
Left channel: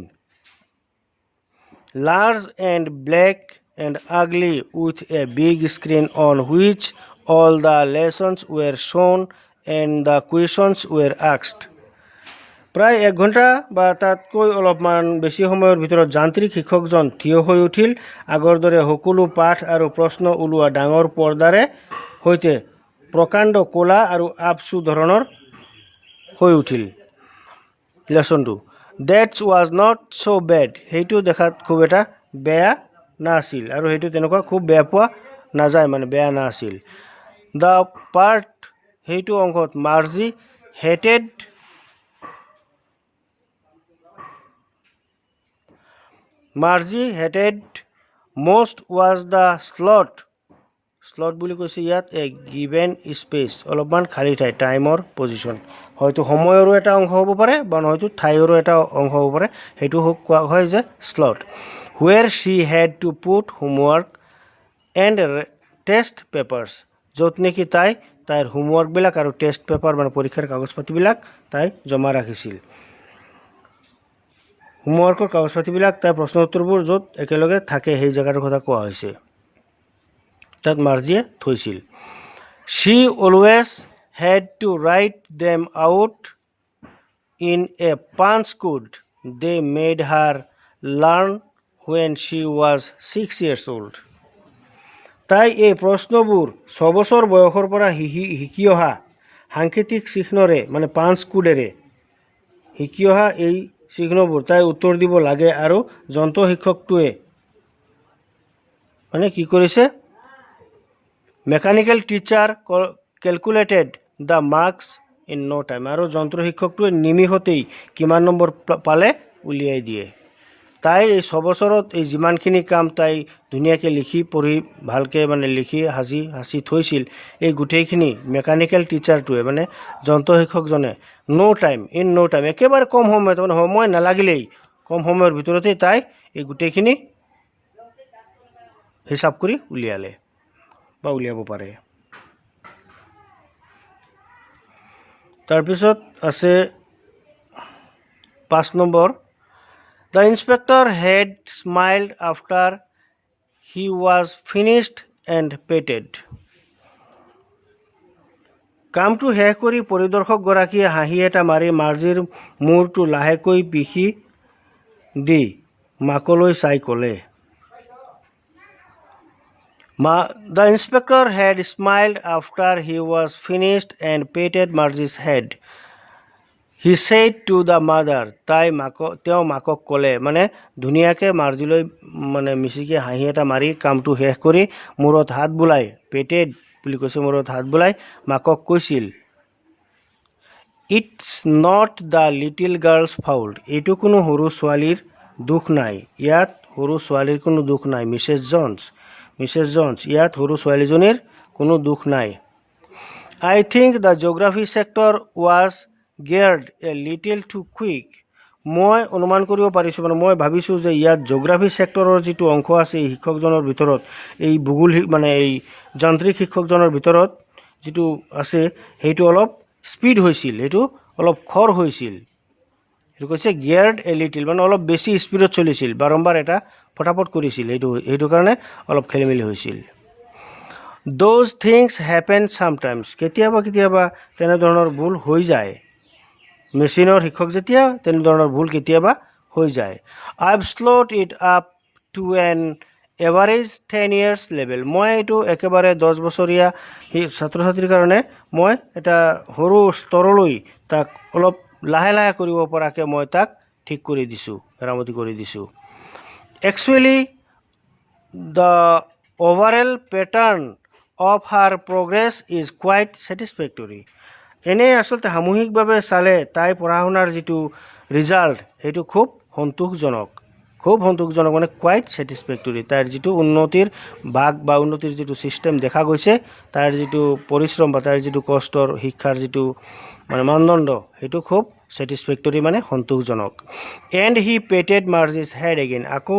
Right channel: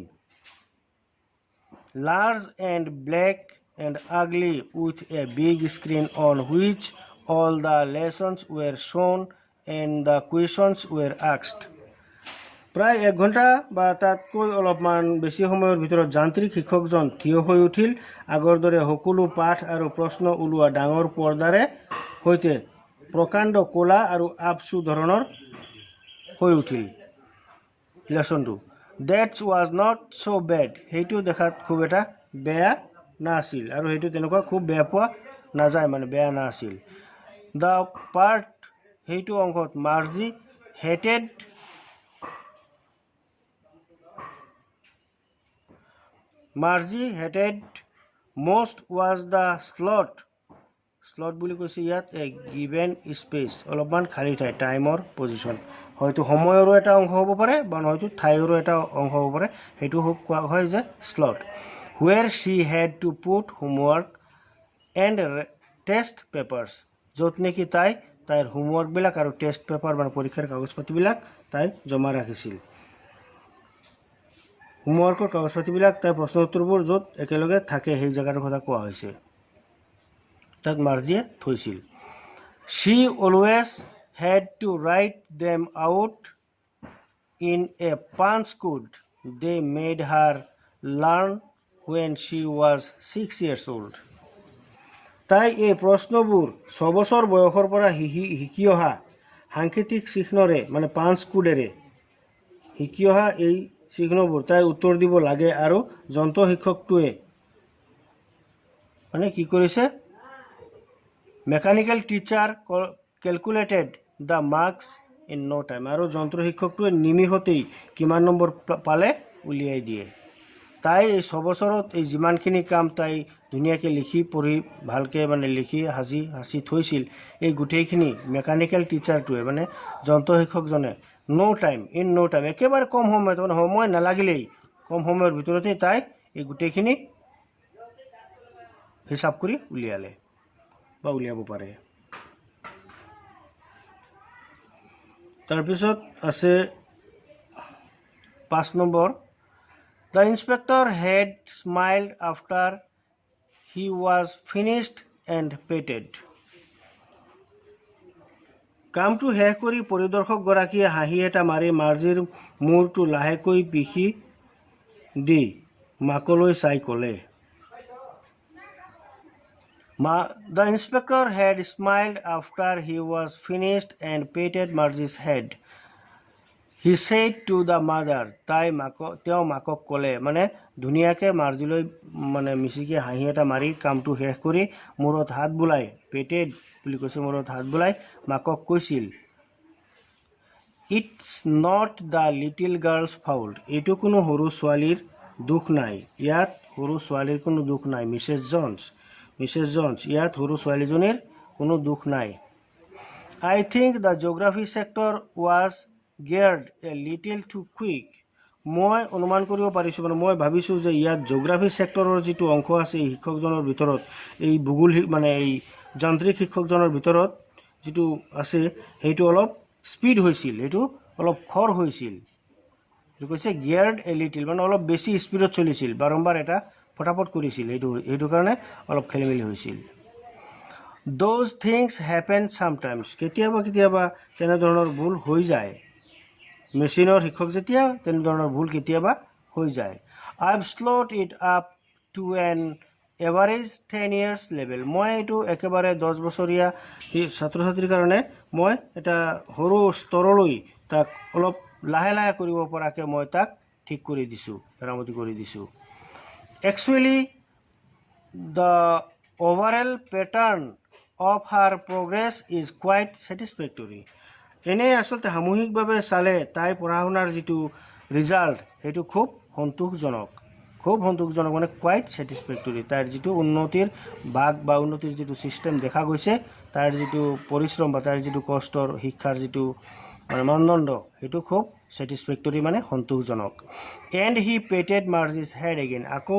large and black and ugly with a big screen on which all the lessons were shown and the questions were asked. প্ৰায় 1 ঘণ্টা বা তাতকৈ অলপমান বেছি সময়ৰ ভিতৰত যান্ত্ৰিক শিক্ষকজন থিয় হৈ উঠিল। আগৰ দৰে সকলো পাঠ আৰু প্ৰশ্ন ওলোৱা ডাঙৰ পৰ্দাৰে সৈতে প্ৰকাণ্ড ক'লা আৰু আপচু ধৰণৰ হৈ উঠিল লেচনটো। That's was not so' bad, সেইটো দেখাত খুব এটা বেয়া নাছিল, আৰু সেইটো তেনেকুৱা খুব বেয়া পোৱা নাযায়, মানে বেয়া নাছিল। দ্য পাৰ্ট, সেইটো অংশত Marzi hated most was the slot বুলি কৈছে ইয়াত এ গিভেন স্পেচ, অলপমান খালী ঠাই, টাইমৰ পজিশ্যন, হয়তো সময়ৰো এটা অংশ হ'ব পাৰে বা হয়তো ঠাইৰো এটা অংশ হ'ব পাৰে, সেইটো কোৱা হয় যে slot. Where Shi head to put homework and test papers, য'ত নেকি তাইৰ হোমৱৰ্কবিলাক আৰু টেষ্ট পেপাৰ মানে পৰীক্ষাৰ কাগজ পাতিবিলাক তাই জমা ৰাখিছিল। হোমৱৰ্কৰ কাগজ পাতিবিলাক, তাইৰ প্ৰশ্ন উত্তৰবোৰ য'ত একেলগে থাকে সেই জেগাটোৰ কথা কোৱা হৈছে, তাত মাৰ্জিয়ে থৈছিল। She always had to write them out in a punch code they made her learn when she was 6 years old। তাই এই প্ৰশ্নবোৰ 6 বছৰ বয়সৰ পৰা শিকি অহা সাংকেতিক চিহ্নৰে, মানে পাঞ্চ কোডেৰে শিকি অহা এই চিহ্নবোৰ তাই উত্তৰ দিব লাগে, আৰু যন্ত্ৰ শিক্ষকটোৱে মানে কি কৰিছে, mechanical teacher calculated the marks in no' time, আৰু যন্ত্ৰ শিক্ষকটোৱে নিমিষতেই কিমান নম্বৰ পালে উলিয়াই দিয়ে। তাই এই 6 বছৰত এই যিমানখিনি কাম তাই ধুনীয়াকৈ লিখি পঢ়ি ভালকৈ মানে লিখি সাঁচি থৈছিল, এই গোটেইখিনি মেকানিকেল টিচাৰটোৱে মানে যন্ত্ৰ শিক্ষকজনে ইন ন' টাইম একেবাৰে কম সময়ত, মানে সময় নালাগিলেই কম সময়ৰ ভিতৰতেই তাই এই গোটেইখিনি হিচাপ কৰি উলিয়ালে বা উলিয়াব পাৰে। তাৰপিছত আছে 5 number. The inspector had smiled after he was finished and petted. কামটো শেষ কৰি পৰিদৰ্শকগৰাকীয়ে হাঁহি এটা মাৰি মাৰ্জিৰ মূৰটো লাহেকৈ পিখি দি মাকলৈ চাই ক'লে। The inspector had smiled after he was finished and patted Margie's head. He said to the mother, তেওঁ মাকক ক'লে, মানে ধুনীয়াকৈ মাৰ্জিলৈ মানে মিচিকে হাঁহি এটা মাৰি কামটো শেষ কৰি মূৰত হাত বোলাই, পেটেড বুলি কৈছে, মূৰত হাত বোলাই মাকক কৈছিল, it's not the little girl's fault, এইটো কোনো সৰু ছোৱালীৰ দুখ নাই, ইয়াত সৰু ছোৱালীৰ কোনো দুখ নাই, মিছেছ জনছ, ইয়াত সৰু ছোৱালীজনীৰ কোনো দুখ নাই। I think the geography sector was geared a little too quick, মই অনুমান কৰিব পাৰিছোঁ, মানে মই ভাবিছোঁ যে ইয়াত জিঅ'গ্ৰাফী ছেক্টৰৰ যিটো অংশ আছে এই শিক্ষকজনৰ ভিতৰত, এই ভূগোল মানে এই যান্ত্ৰিক শিক্ষকজনৰ ভিতৰত যিটো আছে সেইটো অলপ স্পীড হৈছিল, সেইটো অলপ খৰ হৈছিল। সেইটো কৈছে গিয়াৰ্ড এ লিটিল, মানে অলপ বেছি স্পীডত চলিছিল, বাৰম্বাৰ এটা ফটাফট কৰিছিল, সেইটো কাৰণে অলপ খেলি মেলি হৈছিল। দ'জ থিংছ হেপেন ছামটাইমছ, কেতিয়াবা তেনেধৰণৰ ভুল হৈ যায়। মেচিনৰ শিক্ষক যেতিয়া তেনেধৰণৰ ভুল কেতিয়াবা হৈ যায়। I have slowed it up to an average 10 years level, মই এইটো একেবাৰে 10 বছৰীয়া ছাত্ৰ ছাত্ৰীৰ কাৰণে মই এটা সৰু স্তৰলৈ তাক অলপ লাহে লাহে কৰিব পৰাকৈ মই তাক ঠিক কৰি দিছোঁ, মেৰামতি কৰি দিছোঁ। Actually the overall pattern of her progress is quite satisfactory, এনেই আচলতে সামূহিকভাৱে চালে তাই পঢ়া শুনাৰ যিটো ৰিজাল্ট সেইটো খুব সন্তোষজনক, মানে কুৱাইট ছেটিছফেক্টৰী, তাইৰ যিটো উন্নতিৰ ভাগ বা উন্নতিৰ যিটো ছিষ্টেম দেখা গৈছে, তাইৰ যিটো পৰিশ্ৰম বা তাইৰ যিটো কষ্টৰ শিক্ষাৰ যিটো মানে মানদণ্ড সেইটো খুব ছেটিছফেক্টৰী, মানে সন্তোষজনক। এণ্ড হি পেটেড মাৰ্জিজ হেড এগেইন, আকৌ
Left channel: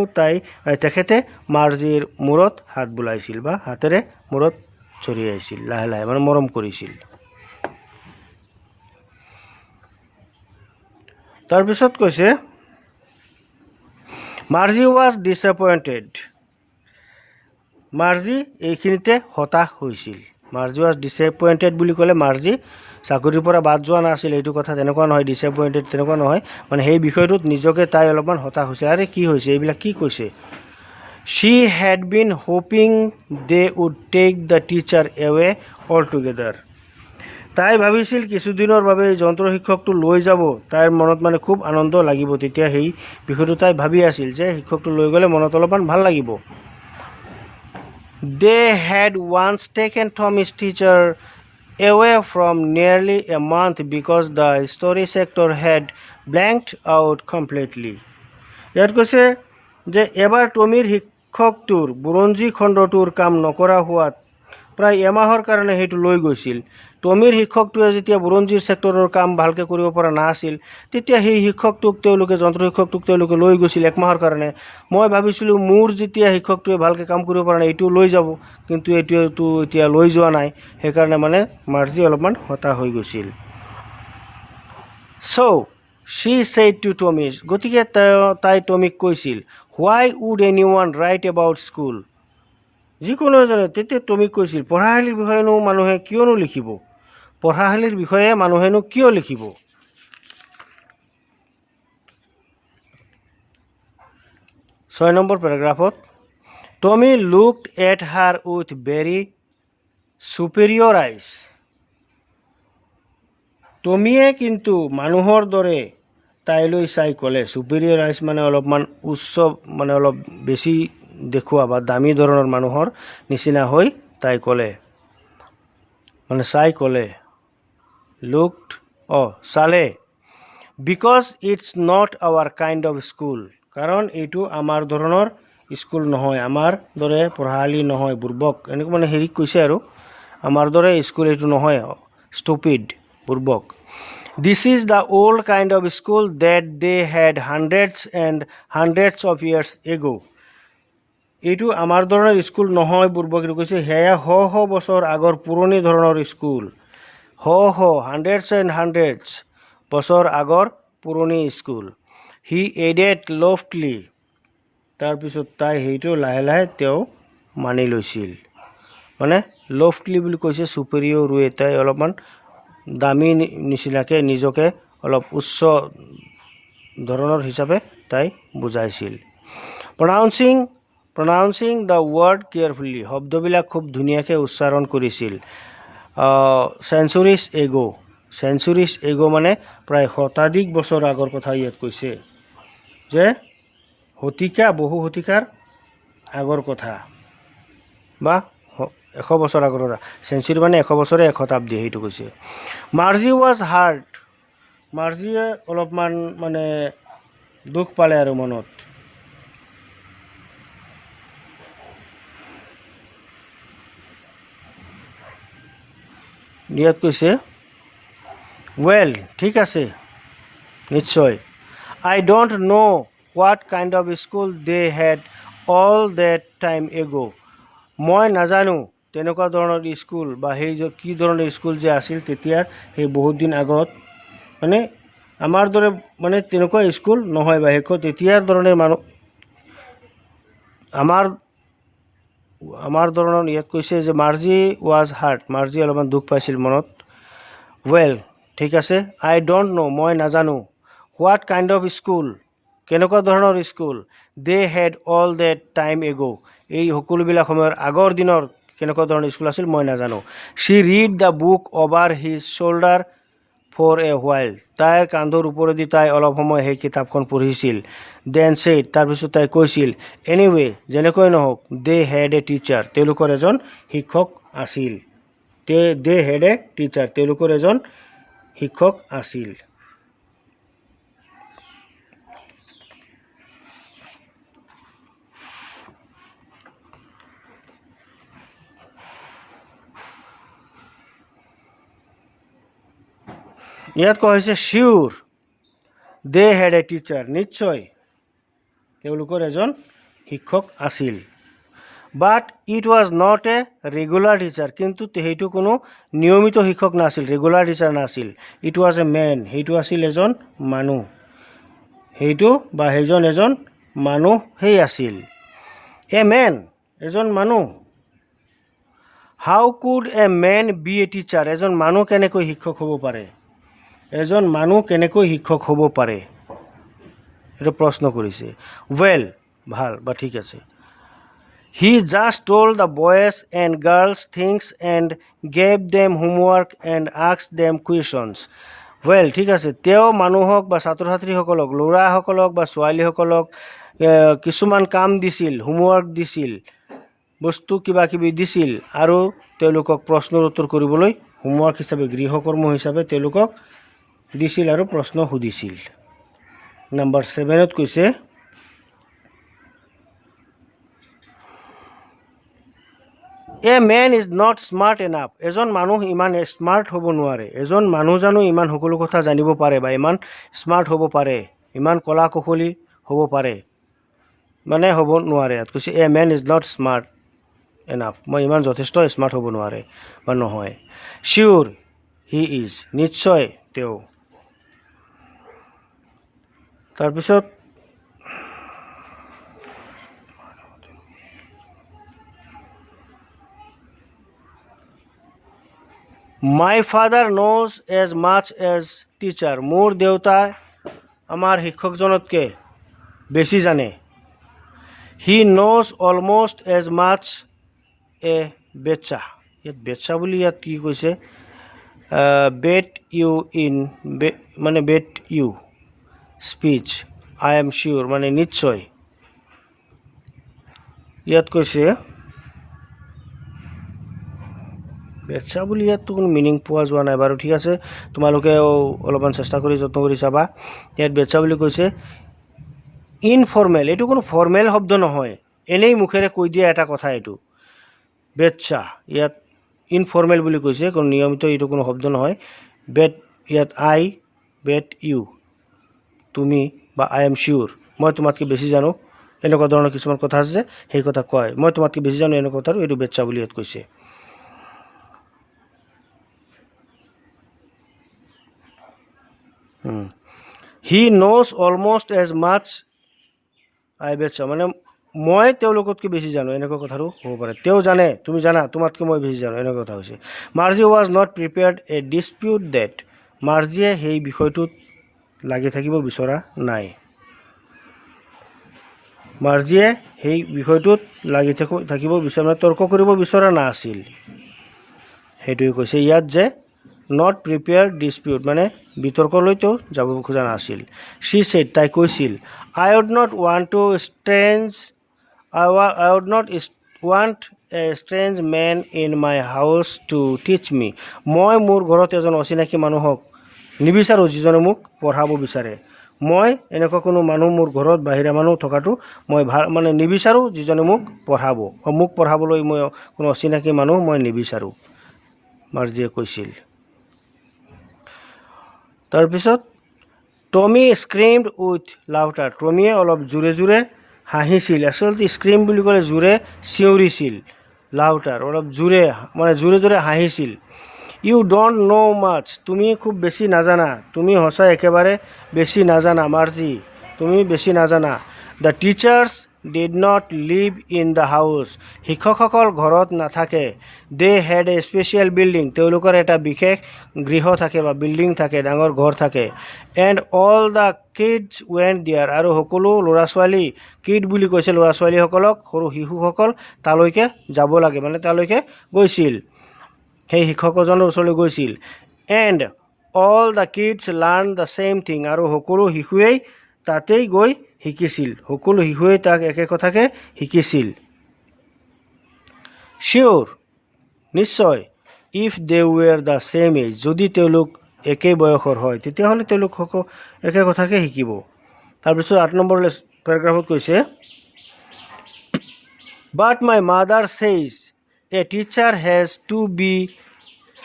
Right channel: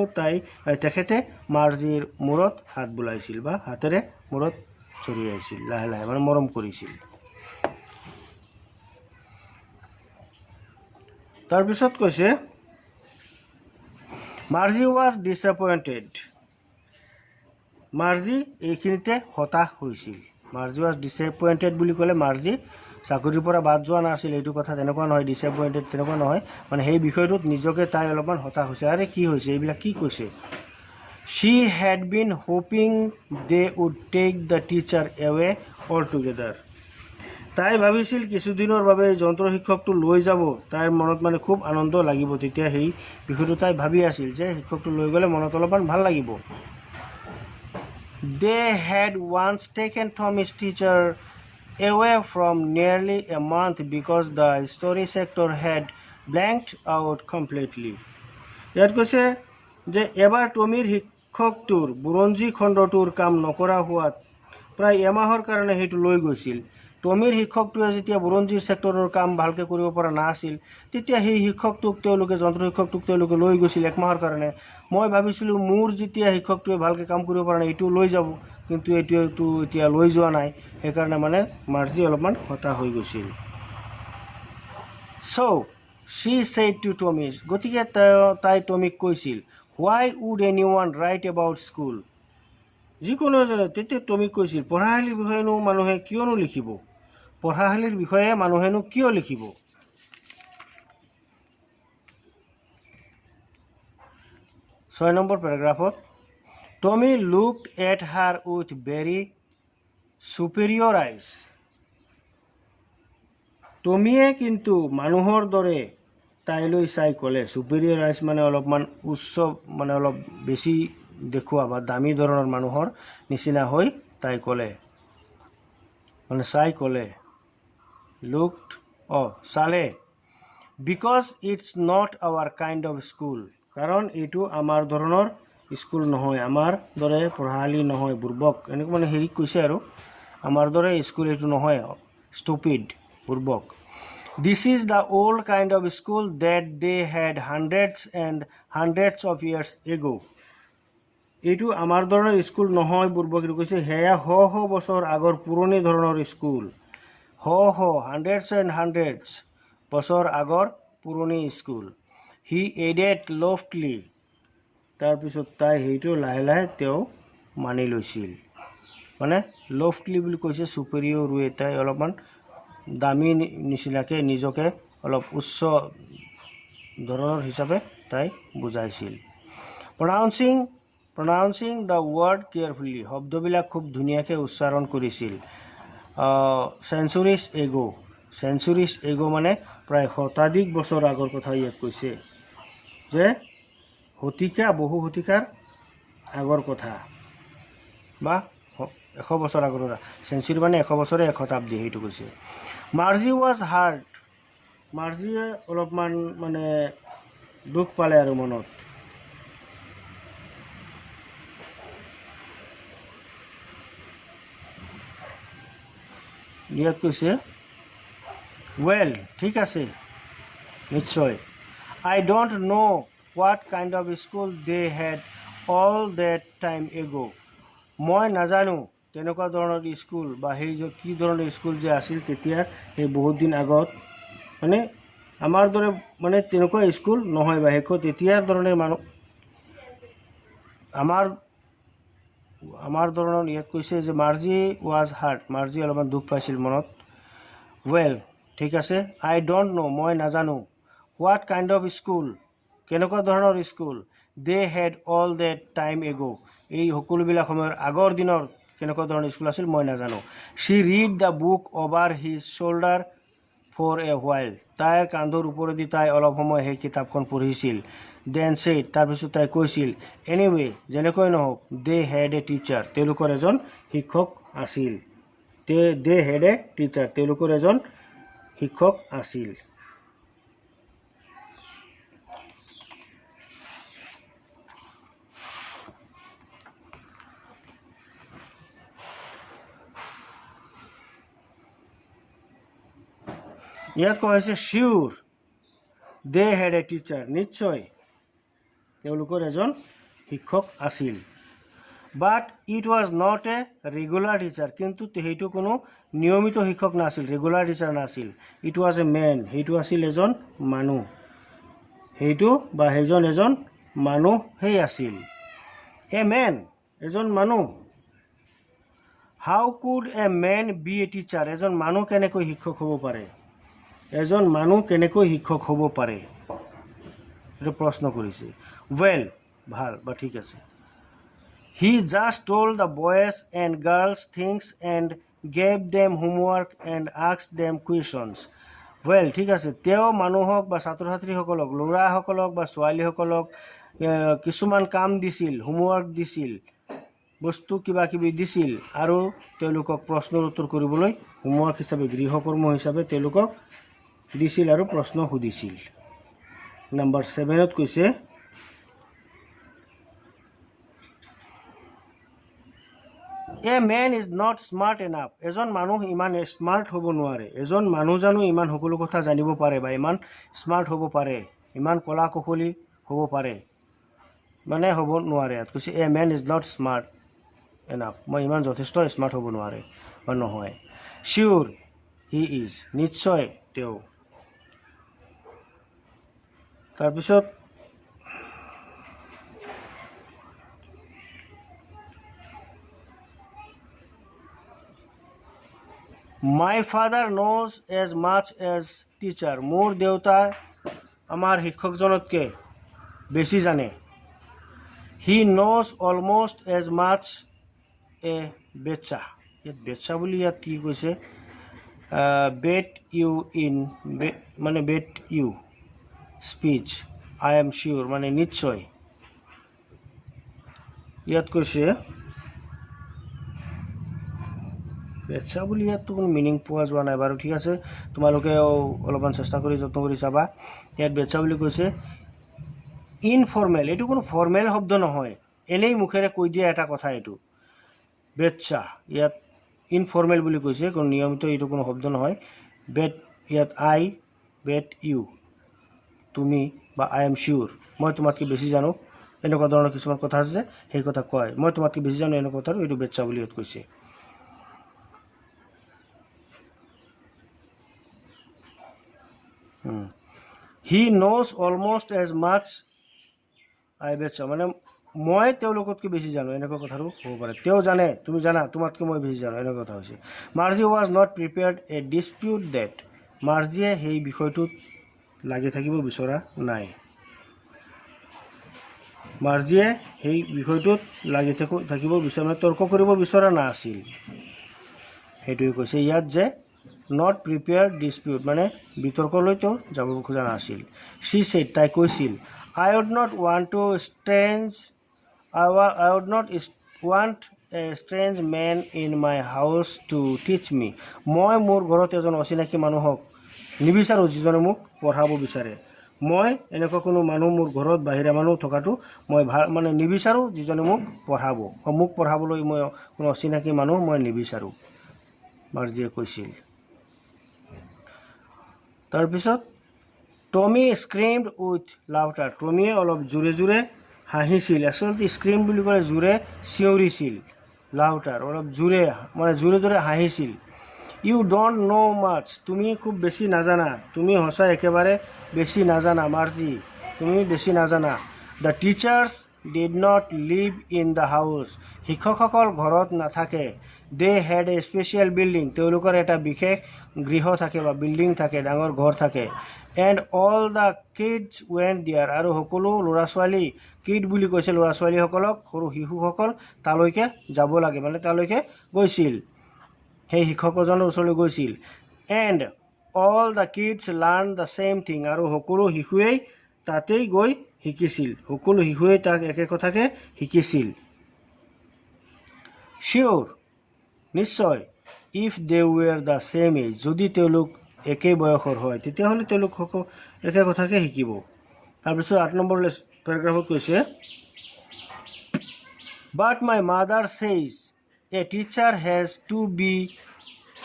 তেখেতে মাৰ্জিৰ মূৰত হাত বোলাইছিল বা হাতেৰে মূৰত চৰিয়াইছিল, লাহে লাহে মানে মৰম কৰিছিল। তাৰপিছত কৈছে মাৰ্জি ৱাজ ডিছএপইণ্টেড, মাৰ্জি এইখিনিতে হতাশ হৈছিল। মাৰ্জি ৱাজ ডিছএপইণ্টেড বুলি ক'লে মাৰ্জি চাকৰিৰ পৰা বাদ যোৱা নাছিল, এইটো কথা তেনেকুৱা নহয়, ডিছএপইণ্টেড তেনেকুৱা নহয়, মানে সেই বিষয়টোত নিজকে তাই অলপমান হতাশ হৈছে। আৰে কি হৈছে, এইবিলাক কি কৈছে? She had been hoping they would take the teacher away all together, তাই ভাবিছিল কিছুদিনৰ বাবে এই যন্ত্ৰ শিক্ষকটো লৈ যাব, তাইৰ মনত মানে খুব আনন্দ লাগিব, তেতিয়া সেই বিষয়টো তাই ভাবি আছিল যে শিক্ষকটো লৈ গ'লে মনত অলপমান ভাল লাগিব। They had once taken Tommy's teacher away from nearly a month because the history sector had blanked out completely, ইয়াত কৈছে যে এবাৰ টমিৰ শিক্ষকটোৰ বুৰঞ্জী খণ্ডটোৰ কাম নকৰা হোৱাত প্ৰায় এমাহৰ কাৰণে সেইটো লৈ গৈছিল। টমিৰ শিক্ষকটোৱে যেতিয়া বুৰঞ্জীৰ ছেক্টৰৰ কাম ভালকৈ কৰিব পৰা নাছিল, তেতিয়া সেই যন্ত্ৰ শিক্ষকটোক তেওঁলোকে লৈ গৈছিল একমাহৰ কাৰণে। মই ভাবিছিলোঁ মোৰ যেতিয়া শিক্ষকটোৱে ভালকৈ কাম কৰিব পৰা নাই এইটো লৈ যাব, কিন্তু এইটোৱেতো এতিয়া লৈ যোৱা নাই, সেইকাৰণে মানে মাৰ্জি অলপমান হতাশ হৈ গৈছিল। চ' শ্বি ছেইড টু টমিছ, গতিকে তাই টমিক কৈছিল, হোৱাই উড এনি ওৱান ৰাইট এবাউট স্কুল, যিকোনো এজনে তেতিয়া টমিক কৈছিল পঢ়াশালীৰ বিষয়েনো মানুহে কিয়নো লিখিব, পঢ়াশালীৰ বিষয়ে মানুহেনো কিয় লিখিব। 6 নম্বৰ পেৰাগ্ৰাফত Tommy looked at her with very superior eyes, টমিয়ে কিন্তু মানুহৰ দৰে তাইলৈ চাই ক'লে, চুপেৰিয়ৰ আইজ মানে অলপমান উচ্চ, মানে অলপ বেছি দেখুওৱা বা দামী ধৰণৰ মানুহৰ নিচিনা হৈ তাই ক'লে, মানে চাই ক'লে, লুকড চালে, because it's not our kind of school, কাৰণ এইটো আমাৰ ধৰণৰ স্কুল নহয়, আমাৰ দৰে পঢ়াশালী নহয়, বুৰ্বক, এনেকুৱা মানে হেৰিক কৈছে আৰু আমাৰ দৰে স্কুল এইটো নহয়, ষ্টুপিড, বুৰ্বক। This is the old kind of school that they had hundreds and hundreds of years ago, এইটো আমাৰ ধৰণৰ স্কুল নহয় বুৰ্বক, এইটো কৈছে সেয়া শ বছৰ আগৰ পুৰণি ধৰণৰ স্কুল, হাণ্ড্ৰেডছ এণ্ড হাণ্ড্ৰেডছ বছৰ আগৰ পুৰণি স্কুল। হি এডেড লফটলি, তাৰপিছত তাই সেইটো লাহে লাহে তেওঁ মানি লৈছিল, মানে লফটলি বুলি কৈছে চুপেৰিয়ৰ ৱে, তাই অলপমান দামী নিচিনাকৈ নিজকে অলপ উচ্চ ধৰণৰ হিচাপে তাই বুজাইছিল। প্ৰনাউন্সিং দ্য ৱৰ্ড কেয়াৰফুলি, শব্দবিলাক খুব ধুনীয়াকৈ উচ্চাৰণ কৰিছিল। চেঞ্চুৰিজ এগো, centuries ago মানে প্ৰায় শতাধিক বছৰ আগৰ কথা ইয়াত কৈছে যে শতিকা বহু শতিকাৰ আগৰ কথা বা 100 বছৰ আগৰ কথা সেঞ্চুৰী মানে 100 বছৰে 1 শতাব্দী সেইটো কৈছে মাৰ্জি ৱাজ হাৰ্ট মাৰ্জিয়ে অলপমান মানে দুখ পালে আৰু মনত ইয়াত কৈছে well ঠিক আছে নিশ্চয় I don't know what kind of school they had all that time ago মই নাজানো তেনেকুৱা ধৰণৰ স্কুল বা সেই কি ধৰণৰ স্কুল যে আছিল তেতিয়া সেই বহুত দিন আগত মানে আমাৰ দৰে মানে তেনেকুৱা স্কুল নহয় বা হেকো তেতিয়া ধৰণৰ মানুহ আমাৰ ধৰণৰ ইয়াত কৈছে যে মাৰ্জি ৱাজ হাৰ্ট মাৰ্জি অলপমান দুখ পাইছিল মনত well ঠিক আছে I don't know মই নাজানো what kind of school কেনেকুৱা ধৰণৰ school they had all that time ago এই সকলোবিলাক সময়ৰ আগৰ দিনৰ কেনেকুৱা ধৰণৰ স্কুল আছিল মই নাজানো she read the book over his shoulder for a while তাইৰ কান্ধৰ ওপৰেদি তাই অলপ সময় সেই কিতাপখন পঢ়িছিল then said তাৰপিছত তাই কৈছিল anyway যেনেকৈ নহওক they had a teacher তেওঁলোকৰ এজন শিক্ষক আছিল they had a teacher তেওঁলোকৰ এজন শিক্ষক আছিল ইয়াত কোৱা হৈছে sure they had a teacher নিশ্চয় তেওঁলোকৰ এজন শিক্ষক আছিল but it was not a regular teacher কিন্তু সেইটো কোনো নিয়মিত শিক্ষক নাছিল ৰেগুলাৰ টিচাৰ নাছিল it was a man সেইটো আছিল এজন মানুহ সেইটো বা সেইজন এজন মানুহ হেই আছিল a man এজন মানুহ how could a man be a teacher এজন মানুহ কেনেকৈ শিক্ষক হ'ব পাৰে এজন মানুহ কেনেকৈ শিক্ষক হ'ব পাৰে এটা প্ৰশ্ন কৰিছে well ভাল বা ঠিক আছে he just told the boys and girls things and gave them homework and asked them questions well ঠিক আছে তেওঁ মানুহক বা ছাত্ৰ ছাত্ৰীসকলক ল'ৰাসকলক বা ছোৱালীসকলক কিছুমান কাম দিছিল হোমৱৰ্ক দিছিল বস্তু কিবা কিবি দিছিল আৰু তেওঁলোকক প্ৰশ্নৰ উত্তৰ কৰিবলৈ হোমৱৰ্ক হিচাপে গৃহকৰ্ম হিচাপে তেওঁলোকক দিছিল আৰু প্ৰশ্ন সুধিছিল নম্বৰ 7 ত কৈছে A man is not smart enough এজন মানুহ ইমান স্মাৰ্ট হ'ব নোৱাৰে এজন মানুহ জানো ইমান সকলো কথা জানিব পাৰে বা ইমান স্মাৰ্ট হ'ব পাৰে ইমান কলা কৌশলী হ'ব পাৰে মানে হ'ব নোৱাৰে ইয়াত কৈছে A man is not smart enough মই ইমান যথেষ্ট স্মাৰ্ট হ'ব নোৱাৰে বা নহয় sure he is নিশ্চয় তেওঁ তাৰপিছত My father knows as much as teacher মোৰ দেউতা আমাৰ শিক্ষকজনতকৈ বেছি জানে He knows almost as much a betcha ইয়াত betcha বুলি ইয়াত কি কৈছে bet you in মানে bet you speech I am sure মানে নিশ্চয় ইয়াত কৈছে বেটছা বুলি ইয়াত কোনো মিনিং পোৱা যোৱা নাই বাৰু ঠিক আছে তোমালোকে অলপমান চেষ্টা কৰি যত্ন কৰি চাবা ইয়াত বেটছা বুলি কৈছে ইনফৰ্মেল এইটো কোনো ফৰ্মেল শব্দ নহয় এনেই মুখেৰে কৈ দিয়া এটা কথা এইটো বেটছা ইয়াত ইনফৰ্মেল বুলি কৈছে কোনো নিয়মিত এইটো কোনো শব্দ নহয় বেট ইয়াত আই বেট ইউ তুমি বা আই এম শিউৰ মই তোমাতকৈ বেছি জানো এনেকুৱা ধৰণৰ কিছুমান কথা আছে সেই কথা কয় মই তোমাতকৈ বেছি জানো এনেকুৱা কথা এইটো বেটছা বুলি ইয়াত কৈছে He knows almost as much I betcha মানে মই তেওঁলোকতকৈ বেছি জানো এনেকুৱা কথাৰো হ'ব পাৰে তেওঁ জানে তুমি জানা তোমাতকৈ মই বেছি জানো এনেকুৱা কথা হৈছে Marzi was not prepared a dispute that মাৰ্জিয়ে সেই বিষয়টোত লাগি থাকিব বিচৰা নাই মাৰ্জিয়ে সেই বিষয়টোত লাগি থাকিব বিচৰা তৰ্ক কৰিব বিচৰা নাছিল সেইটোৱে কৈছে ইয়াত যে নট প্ৰিপেয়াৰ ডিছপিউট মানে বিতৰ্কলৈতো যাব খোজা নাছিল। শ্বি ছেড তাই কৈছিল I would not want to I would not want a strange man in my house to teach me. মই মোৰ ঘৰত এজন অচিনাকি মানুহক নিবিচাৰোঁ যিজনে মোক পঢ়াব বিচাৰে। মই এনেকুৱা কোনো মানুহ মোৰ ঘৰত বাহিৰা মানুহ থকাটো মই মানে নিবিচাৰোঁ যিজনে মোক পঢ়াব। মোক পঢ়াবলৈ মই কোনো অচিনাকি মানুহ মই নিবিচাৰোঁ, মাৰ্জিয়ে কৈছিল। তাৰপিছত টমি স্ক্ৰিমড উইথ লাউটাৰ। টমিয়ে অলপ জোৰে জোৰে হাঁহিছিল। আচলতে স্ক্ৰিম বুলি ক'লে জোৰে চিঞৰিছিল, লাউটাৰ অলপ জোৰে মানে জোৰে জোৰে হাঁহিছিল। ইউ ডণ্ট ন' মাছ, তুমি খুব বেছি নাজানা, তুমি সঁচাই একেবাৰে বেছি নাজানা মাৰ্জি, তুমি বেছি নাজানা। The teachers did not live in the house, শিক্ষকসকল ঘৰত নাথাকে। They had a special building, তেওঁলোকৰ এটা বিশেষ গৃহ থাকে বা বিল্ডিং থাকে, ডাঙৰ ঘৰ থাকে। And all the kids went there, আৰু সকলো ল'ৰা ছোৱালী, কিড বুলি কৈছে ল'ৰা ছোৱালীসকলক, সৰু শিশুসকল তালৈকে যাব লাগে, মানে তালৈকে গৈছিল, সেই শিক্ষকজনৰ ওচৰলৈ গৈছিল। And all the kids learn the same thing, আৰু সকলো শিশুৱেই তাতেই গৈ শিকিছিল, সকলো শিশুৱেই তাক একে কথাকে শিকিছিল। চিয়'ৰ, নিশ্চয়। If they were the same age, যদি তেওঁলোক একেই বয়সৰ হয় তেতিয়াহ'লে তেওঁলোক একে কথাকে শিকিব। তাৰপিছত 8 নম্বৰ পেৰাগ্ৰাফত কৈছে but my mother says a teacher has to be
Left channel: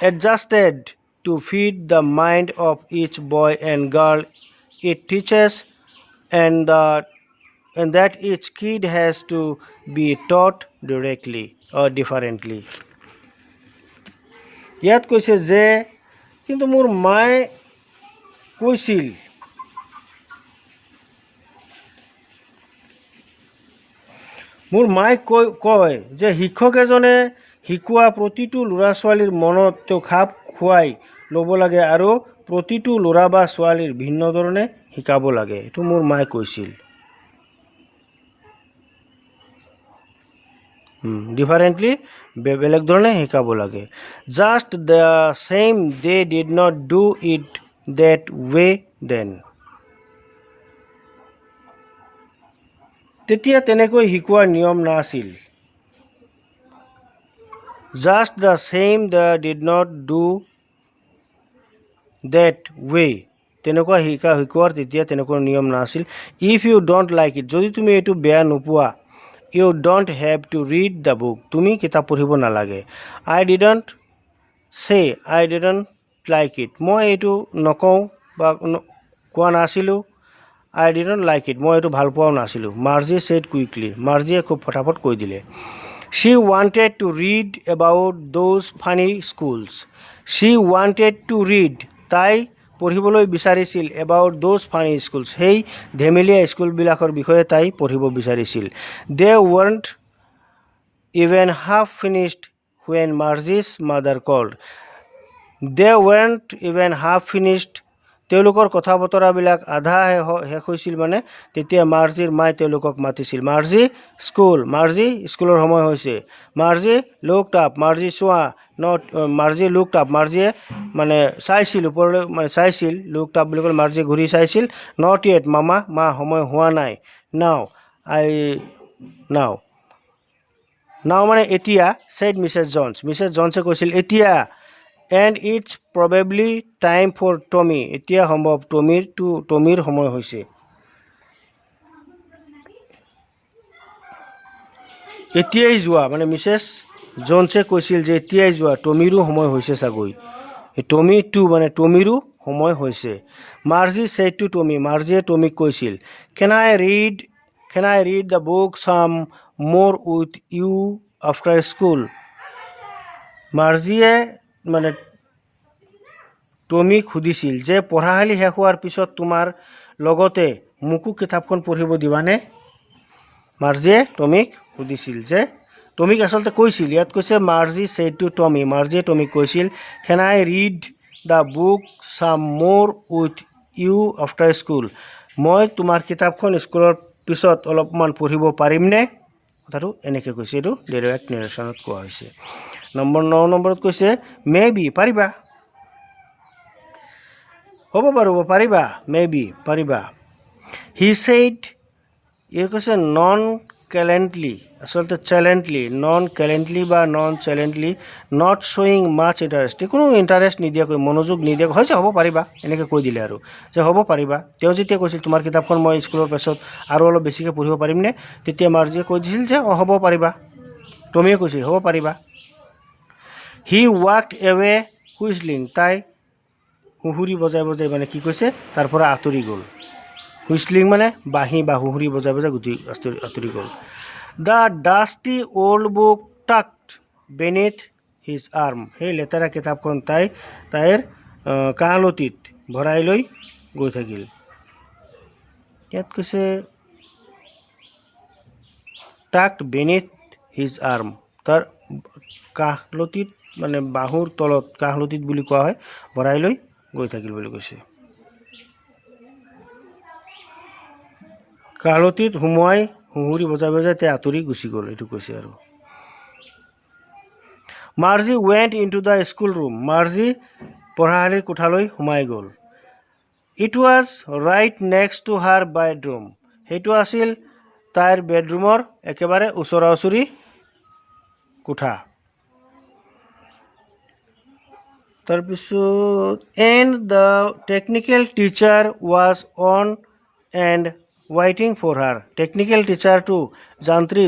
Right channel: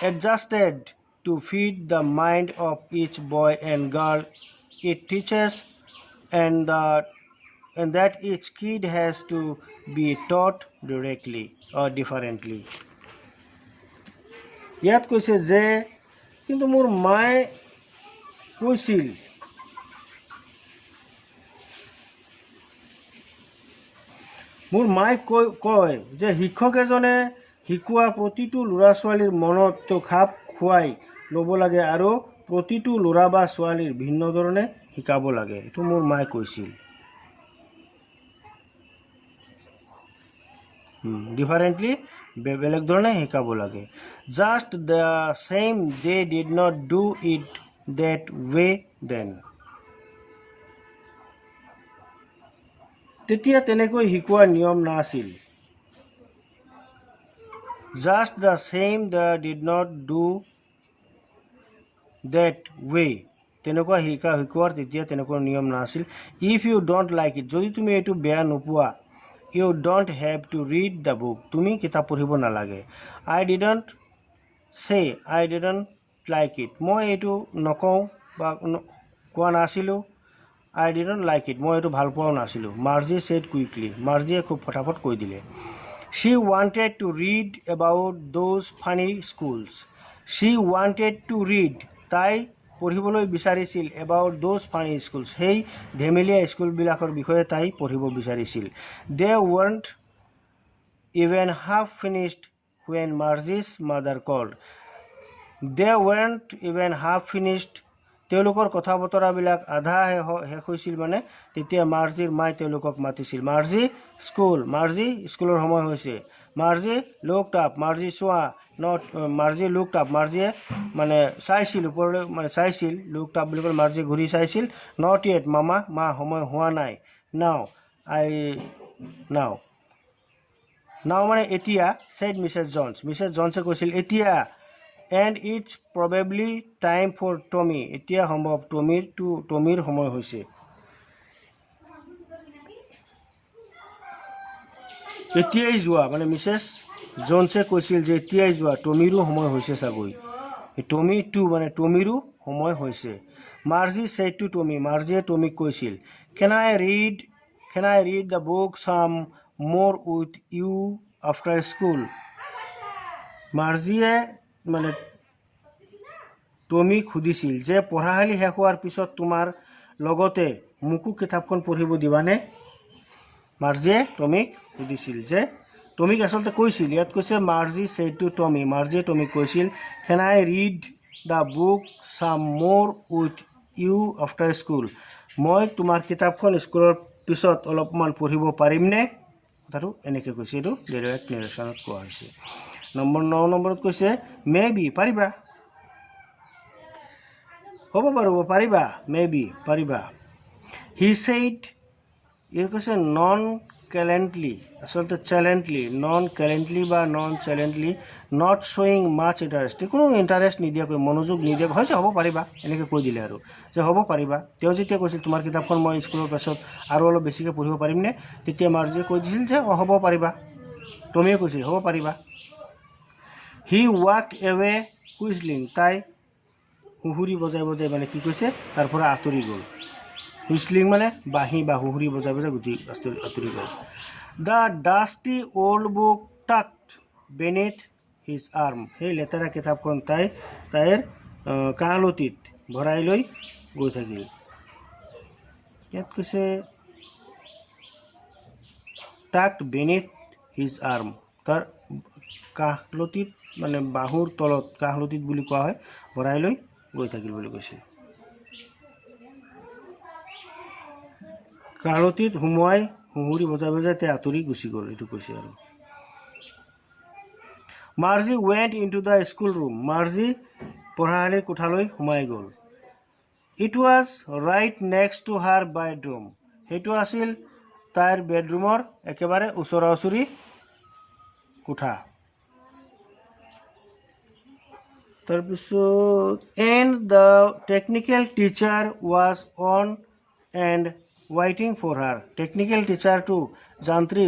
adjusted to fit the mind of each boy and girl it teaches and that each kid has to be taught directly or differently. ইয়াত কৈছে যে কিন্তু মোৰ মায়ে কৈছিল, মোৰ মায়ে কয় যে শিক্ষক এজনে শিকোৱা প্ৰতিটো ল'ৰা ছোৱালীৰ মনত তেওঁ খাপ খুৱাই ল'ব লাগে আৰু প্ৰতিটো ল'ৰা বা ছোৱালীৰ ভিন্ন ধৰণে শিকাব লাগে, এইটো মোৰ মায়ে কৈছিল। ডিফাৰেণ্টলি, বেলেগ ধৰণে শিকাব লাগে। Just the same they did not do it that way then, তেতিয়া তেনেকৈ শিকোৱাৰ নিয়ম নাছিল। Just the same they did not do that way, তেনেকুৱা শিকোৱাৰ তেতিয়া তেনেকুৱা নিয়ম নাছিল। If you don't like it, যদি তুমি এইটো বেয়া নোপোৱা, you don't have to read the book, তুমি কিতাপ পঢ়িব নালাগে। আই ডিডণ্ট লাইক ইট, মই এইটো নকওঁ বা কোৱা নাছিলোঁ। আই ডিডণ্ট লাইক ইট, মই এইটো ভাল পোৱাও নাছিলোঁ। মাৰ্জি ছেড কুইকলি, মাৰ্জিয়ে খুব ফটাফট কৈ দিলে। She wanted to read about those funny schools, she wanted to read, তাই পঢ়িবলৈ বিচাৰিছিল এবাউট দ'জ ফানি স্কুলছ, সেই ধেমেলীয়া স্কুলবিলাকৰ বিষয়ে তাই পঢ়িব বিচাৰিছিল। They weren't even half finished when Margie's mother called, they weren't even half finished, তেওঁলোকৰ কথা বতৰাবিলাক আধা শেষ হৈছিল মানে তেতিয়া মাৰ্জিৰ মায়ে তেওঁলোকক মাতিছিল। মাৰ্জি স্কুল, মাৰ্জি স্কুলৰ সময় হৈছে। মাৰ্জি লুকড আপ, মাৰ্জি চোৱা, নট মাৰ্জি লুকড আপ, মাৰ্জিয়ে মানে চাইছিল ওপৰলৈ, মানে চাইছিল, লুকড আপ বুলি ক'লে মাৰ্জিয়ে ঘূৰি চাইছিল। নট য়েট মামা, মা সময় হোৱা নাই। নাও মানে এতিয়া। ছেড মিছেছ জনছ, মিছেছ জনছে কৈছিল এতিয়া। And it's probably time for Tommy, এতিয়া সম্ভৱ টমিৰ সময় হৈছে। এতিয়াই যোৱা, মানে মিছেছ জনছে কৈছিল যে এতিয়াই যোৱা, টমিৰো সময় হৈছে চাগৈ। টমি টু মানে টমিৰো সময় হৈছে। মাৰ্জি ছেড টু টমি, মাৰ্জিয়ে টমিক কৈছিল কেন আই ৰিড দ্য বুক চাম মোৰ উইথ ইউ আফটাৰ স্কুল, মাৰ্জিয়ে মানে টমিক সুধিছিল যে পঢ়াশালী শেষ হোৱাৰ পিছত তোমাৰ লগতে মোকো কিতাপখন পঢ়িব দিবানে। মাৰ্জিয়ে টমিক সুধিছিল যে, টমিক আচলতে কৈছিল, ইয়াত কৈছে মাৰ্জি ছেড টু টমি, মাৰ্জিয়ে টমিক কৈছিল কেন আই ৰিড দ্য বুক চাম মোৰ উইথ ইউ আফটাৰ স্কুল, মই তোমাৰ কিতাপখন স্কুলৰ পিছত অলপমান পঢ়িব পাৰিমনে। কথাটো এনেকৈ কৈছে, এইটো ডাইৰেক্ট নেৰেশ্যনত কোৱা হৈছে। 9 নম্বৰত কৈছে মে বি, পাৰিবা। হ'ব বাৰু পাৰিবা মে বি পাৰিবা হি ছেইড ইয়াৰ কৈছে নন কেলেণ্টলি আচলতে চেলেণ্টলি নন কেলেণ্টলি বা নন চেলেণ্টলি নট শ্বয়িং মাছ ইণ্টাৰেষ্ট কোনো ইণ্টাৰেষ্ট নিদিয়াকৈ মনোযোগ নিদিয়াকৈ হৈছে হ'ব পাৰিবা এনেকৈ কৈ দিলে আৰু যে হ'ব পাৰিবা তেওঁ যেতিয়া কৈছিল তোমাৰ কিতাপখন মই স্কুলৰ পাছত আৰু অলপ বেছিকৈ পঢ়িব পাৰিমনে তেতিয়া মাৰ্জিয়ে কৈ দিছিল যে অঁ হ'ব পাৰিবা টমীয়ে কৈছিল হ'ব পাৰিবা হি ৱাকড এৱে হুইচলিং তাই হুঁহুৰি বজাই বজাই মানে কি কৈছে তাৰ পৰা আঁতৰি গ'ল হুইচলিং মানে বাঁহী বা হুঁহুৰি বজাই বজাই আঁতৰি গ'ল the dusty old book tucked beneath his arm সেই লেতেৰা কিতাপখন তাইৰ কাঁহলতিত ভৰাই লৈ গৈ থাকিল ইয়াত কৈছে টাকড বেনেথ হিজ আৰ্ম তাৰ কাঁহলতিত মানে বাহুৰ তলত কাঁহলতিত বুলি কোৱা হয় ভৰাই লৈ গৈ থাকিল বুলি কৈছে কাঁহলতিত সোমোৱাই হুঁহুৰি বজাই বজাই তেওঁ আঁতৰি গুচি গ'ল এইটো কৈছে আৰু Margie went into the school room Margie পঢ়াশালীৰ কোঠালৈ সোমাই গ'ল it was right next to her bedroom সেইটো আছিল তাইৰ বেডৰুমৰ একেবাৰে ওচৰা ওচৰি কোঠা তাৰপিছত and the technical teacher was on and ৱাইটিং ফৰ হাৰ টেকনিকেল টিচাৰটো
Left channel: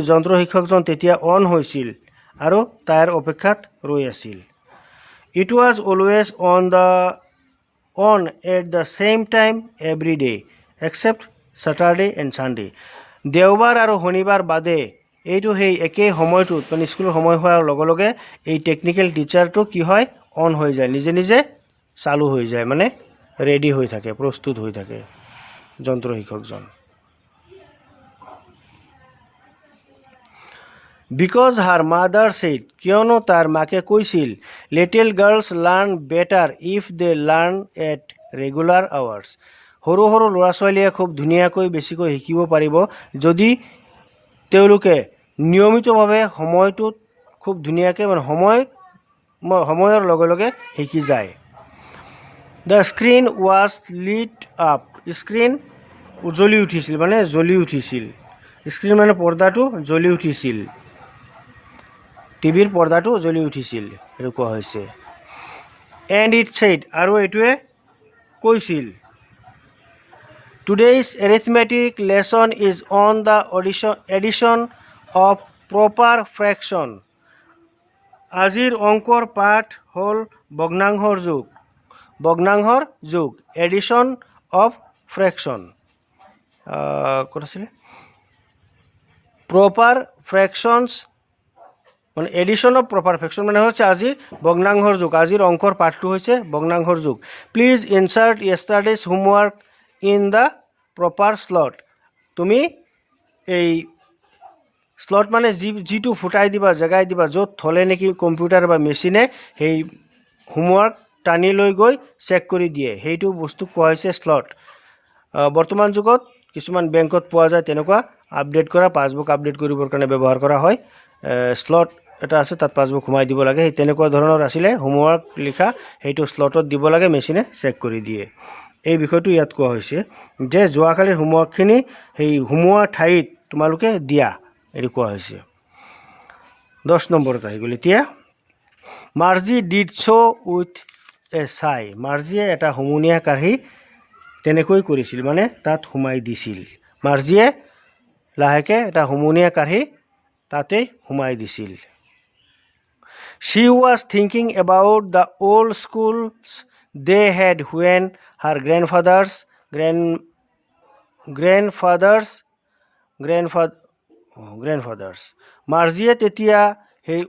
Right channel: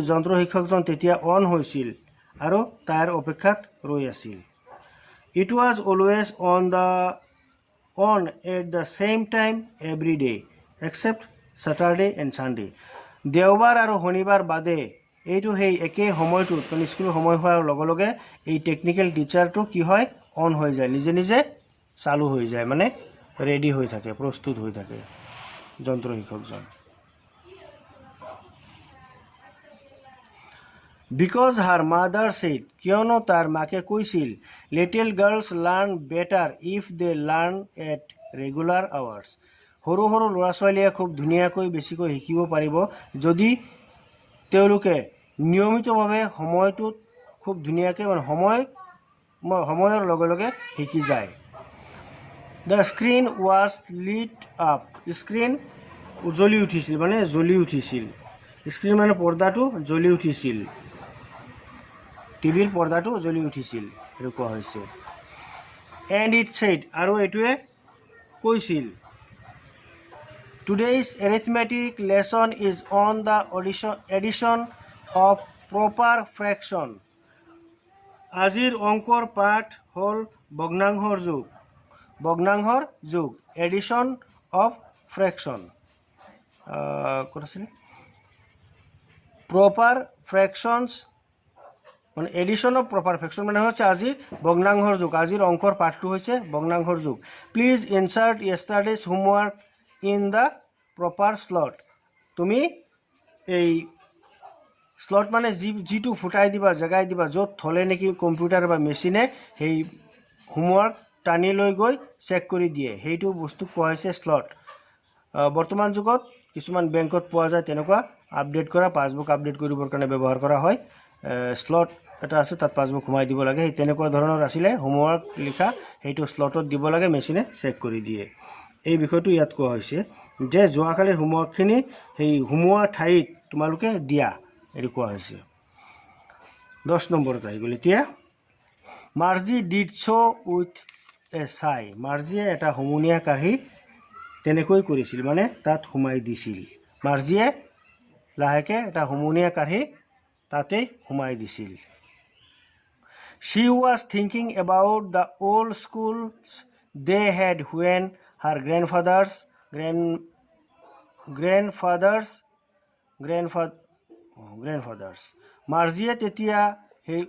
যন্ত্ৰ শিক্ষকজন তেতিয়া অন হৈছিল আৰু তাইৰ অপেক্ষাত ৰৈ আছিল it was always on at the same time every day except Saturday and Sunday দেওবাৰ আৰু শনিবাৰ বাদে এইটো সেই একেই সময়টোত মানে স্কুলৰ সময় হোৱাৰ লগে লগে এই টেকনিকেল টিচাৰটো কি হয় অন হৈ যায় নিজে নিজে চালু হৈ যায় মানে ৰেডি হৈ থাকে প্ৰস্তুত হৈ থাকে যন্ত্ৰ শিক্ষকজন বিকজ হাৰ মাদাৰ ছেইড কিয়নো তাৰ মাকে কৈছিল little girls learn better if they learn at regular hours সৰু সৰু ল'ৰা ছোৱালীয়ে খুব ধুনীয়াকৈ বেছিকৈ শিকিব পাৰিব যদি তেওঁলোকে নিয়মিতভাৱে সময়টোত খুব ধুনীয়াকৈ মানে সময়ৰ লগে লগে শিকি যায় the screen was lit up screen উজ্বলি উঠিছিল মানে জ্বলি উঠিছিল স্ক্ৰীন মানে পৰ্দাটো জ্বলি উঠিছিল টিভিৰ পৰ্দাটো জ্বলি উঠিছিল সেইটো কোৱা হৈছে এণ্ড ইট ছেইড আৰু এইটোৱে কৈছিল today's arithmetic lesson is on the addition of proper fraction আজিৰ অংকৰ পাঠ হ'ল ভগ্নাংশৰ যুগ এডিশ্যন অফ ফ্ৰেকশ্যন ক'ত আছিলে প্ৰপাৰ ফ্ৰেকশ্যনছ মানে এডিশ্যন অফ প্ৰপাৰ ফ্ৰেকশ্যন মানে হৈছে আজিৰ ভগ্নাংশৰ যুগ আজিৰ অংকৰ পাঠটো হৈছে ভগ্নাংশৰ যুগ please insert yesterday's homework in the proper slot তুমি এই স্লট মানে যিটো ফুটাই দিবা জেগাই দিবা য'ত থ'লে নেকি কম্পিউটাৰ বা মেচিনে সেই হোমৱৰ্ক টানি লৈ গৈ চেক কৰি দিয়ে সেইটো বস্তু কোৱা হৈছে স্লট বৰ্তমান যুগত কিছুমান বেংকত পোৱা যায় তেনেকুৱা আপডেট কৰা পাছবুক আপডেট কৰিবৰ কাৰণে ব্যৱহাৰ কৰা হয় স্লট এটা আছে তাত পাছবুক সোমাই দিব লাগে সেই তেনেকুৱা ধৰণৰ আছিলে হোমৱৰ্ক লিখা সেইটো স্লটত দিব লাগে মেচিনে চেক কৰি দিয়ে এই বিষয়টো ইয়াত কোৱা হৈছে যে যোৱাকালিৰ হোমৱৰ্কখিনি সেই সোমোৱা ঠাইত তোমালোকে দিয়া এইটো কোৱা হৈছে 10 নম্বৰত আহি গ'ল এতিয়া Marzi did so' with a চাই মাৰ্জিয়ে এটা হুমুনিয়া কাঢ়ি তেনেকৈ কৰিছিল মানে তাত সোমাই দিছিল মাৰ্জিয়ে লাহেকৈ এটা হুমুনিয়া কাঢ়ি তাতে সোমাই দিছিল She was thinking about the old schools they had when her grandfathers মাৰ্জিয়ে তেতিয়া সেই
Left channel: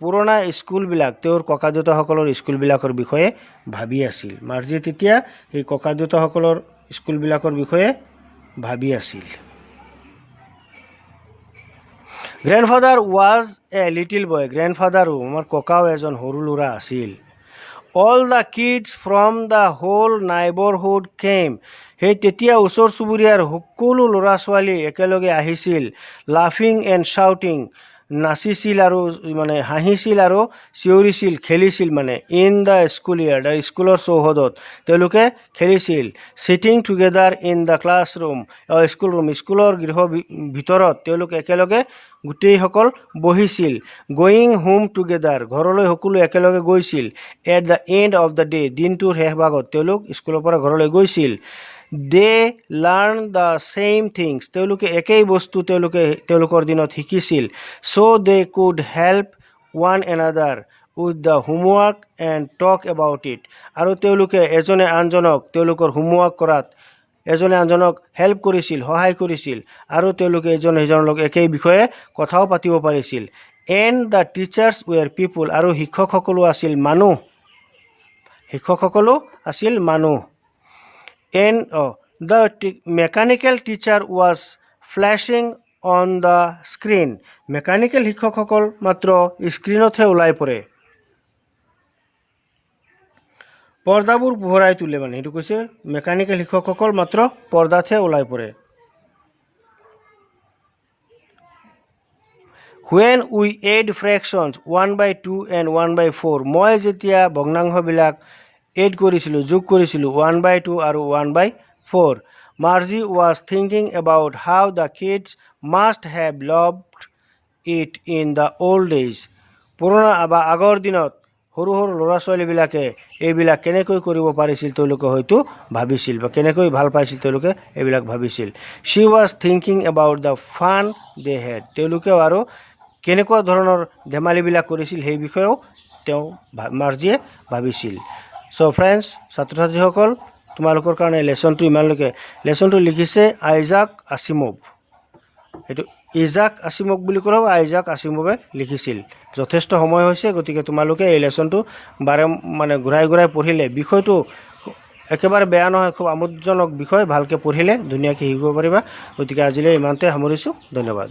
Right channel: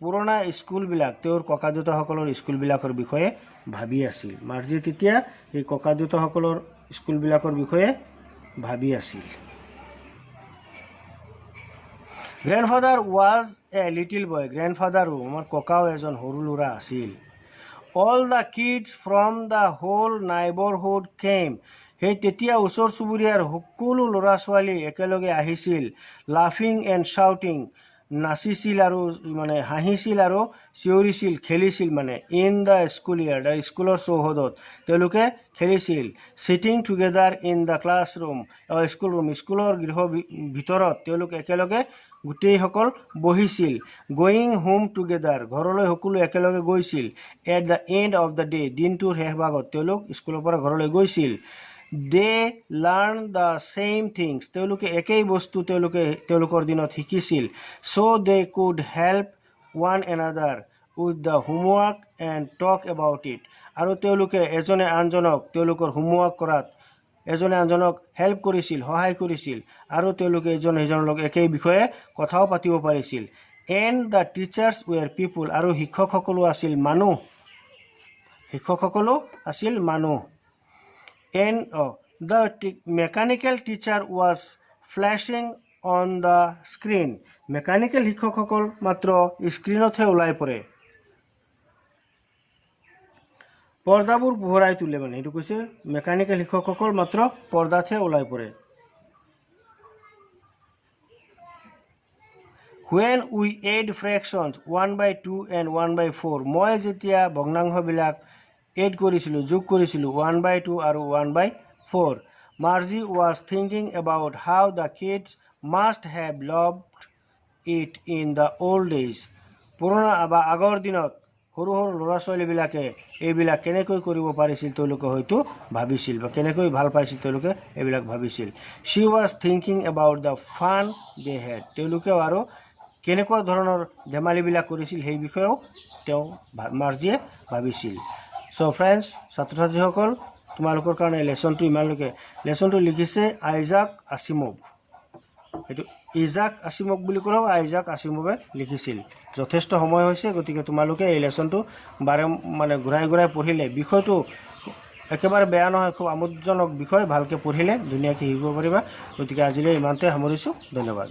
পুৰণা স্কুলবিলাক তেওঁৰ ককা দেউতাসকলৰ স্কুলবিলাকৰ বিষয়ে ভাবি আছিল মাৰ্জিয়ে তেতিয়া সেই ককা দেউতাসকলৰ স্কুলবিলাকৰ বিষয়ে ভাবি আছিল grandfather was a little boy গ্ৰেণ্ডফাদাৰো আমাৰ ককাও এজন সৰু ল'ৰা আছিল all the kids from the whole neighbourhood came সেই তেতিয়া ওচৰ চুবুৰীয়াৰ সকলো ল'ৰা ছোৱালী একেলগে আহিছিল লাফিং এণ্ড শ্বাউটিং নাচিছিল আৰু মানে হাঁহিছিল আৰু চিঞৰিছিল খেলিছিল মানে ইন দ্য স্কুল ইয়াৰ স্কুলৰ চৌহদত তেওঁলোকে খেলিছিল cheating together in the classroom school room স্কুলৰ গৃহ ভিতৰত তেওঁলোক একেলগে গোটেইসকল বহিছিল গয়িং হোম টুগেডাৰ ঘৰলৈ সকলো একেলগে গৈছিল at the end of the day দিনটোৰ শেষ ভাগত তেওঁলোক স্কুলৰ পৰা ঘৰলৈ গৈছিল they learn the same things তেওঁলোকে একেই বস্তু তেওঁলোকৰ দিনত শিকিছিল so' they could help one another with the homework and talk about it আৰু তেওঁলোকে এজনে আনজনক তেওঁলোকৰ হোমৱৰ্ক কৰাত এজনে আনজনক হেল্প কৰিছিল সহায় কৰিছিল আৰু তেওঁলোকে এজনে সিজনৰ লগত একেই বিষয়ে কথাও পাতিব পাৰিছিল এণ্ড দ্য টিচাৰ্ছ ৱেৰ পিপুল আৰু শিক্ষকসকলো আছিল মানুহ and the mechanical teacher was flashing on the screen mechanical শিক্ষকসকল মাত্ৰ স্ক্ৰীনতহে ওলাই পৰে পৰ্দাবোৰ পোহৰাই তুলে মানে এইটো কৈছে মেকানিকেল শিক্ষকসকল মাত্ৰ পৰ্দাতহে ওলাই পৰে when we add fractions 1/2 and 1/4 মই যেতিয়া ভগ্নাংশবিলাক এড কৰিছিলোঁ যোগ কৰিছিলোঁ 1/2 আৰু 1/4 Marzi was thinking about how the kids must have loved it in the old days পুৰণা বা আগৰ দিনত সৰু সৰু ল'ৰা ছোৱালীবিলাকে এইবিলাক কেনেকৈ কৰিব পাৰিছিল তেওঁলোকে হয়তো ভাবিছিল বা কেনেকৈ ভাল পাইছিল তেওঁলোকে এইবিলাক ভাবিছিল she was thinking about the fun they had তেওঁলোকে আৰু কেনেকুৱা ধৰণৰ ধেমালিবিলাক কৰিছিল সেই বিষয়েও তেওঁ মাৰ্জিয়ে ভাবিছিল So friends, ছাত্ৰ-ছাত্ৰীসকল তোমালোকৰ কাৰণে লেসনটো ইমানলৈকে লেসনটো লিখিছে আইজাক আসিমভ এটো ইজাক আসিমভ বুলি কোৱা আইজাক আসিমভে লিখিছিল যথেষ্ট সময় হৈছে গতিকে তোমালোকে এই লেসনটো মানে ঘূৰাই পঢ়িলে বিষয়টো একেবাৰে বেয়া নহয় খুব আমোদজনক বিষয় ভালকে পঢ়িলে ধুনীয়াকৈ শিকিব পাৰিবা গতিকে আজিলৈ ইমানতে সামৰিছো ধন্যবাদ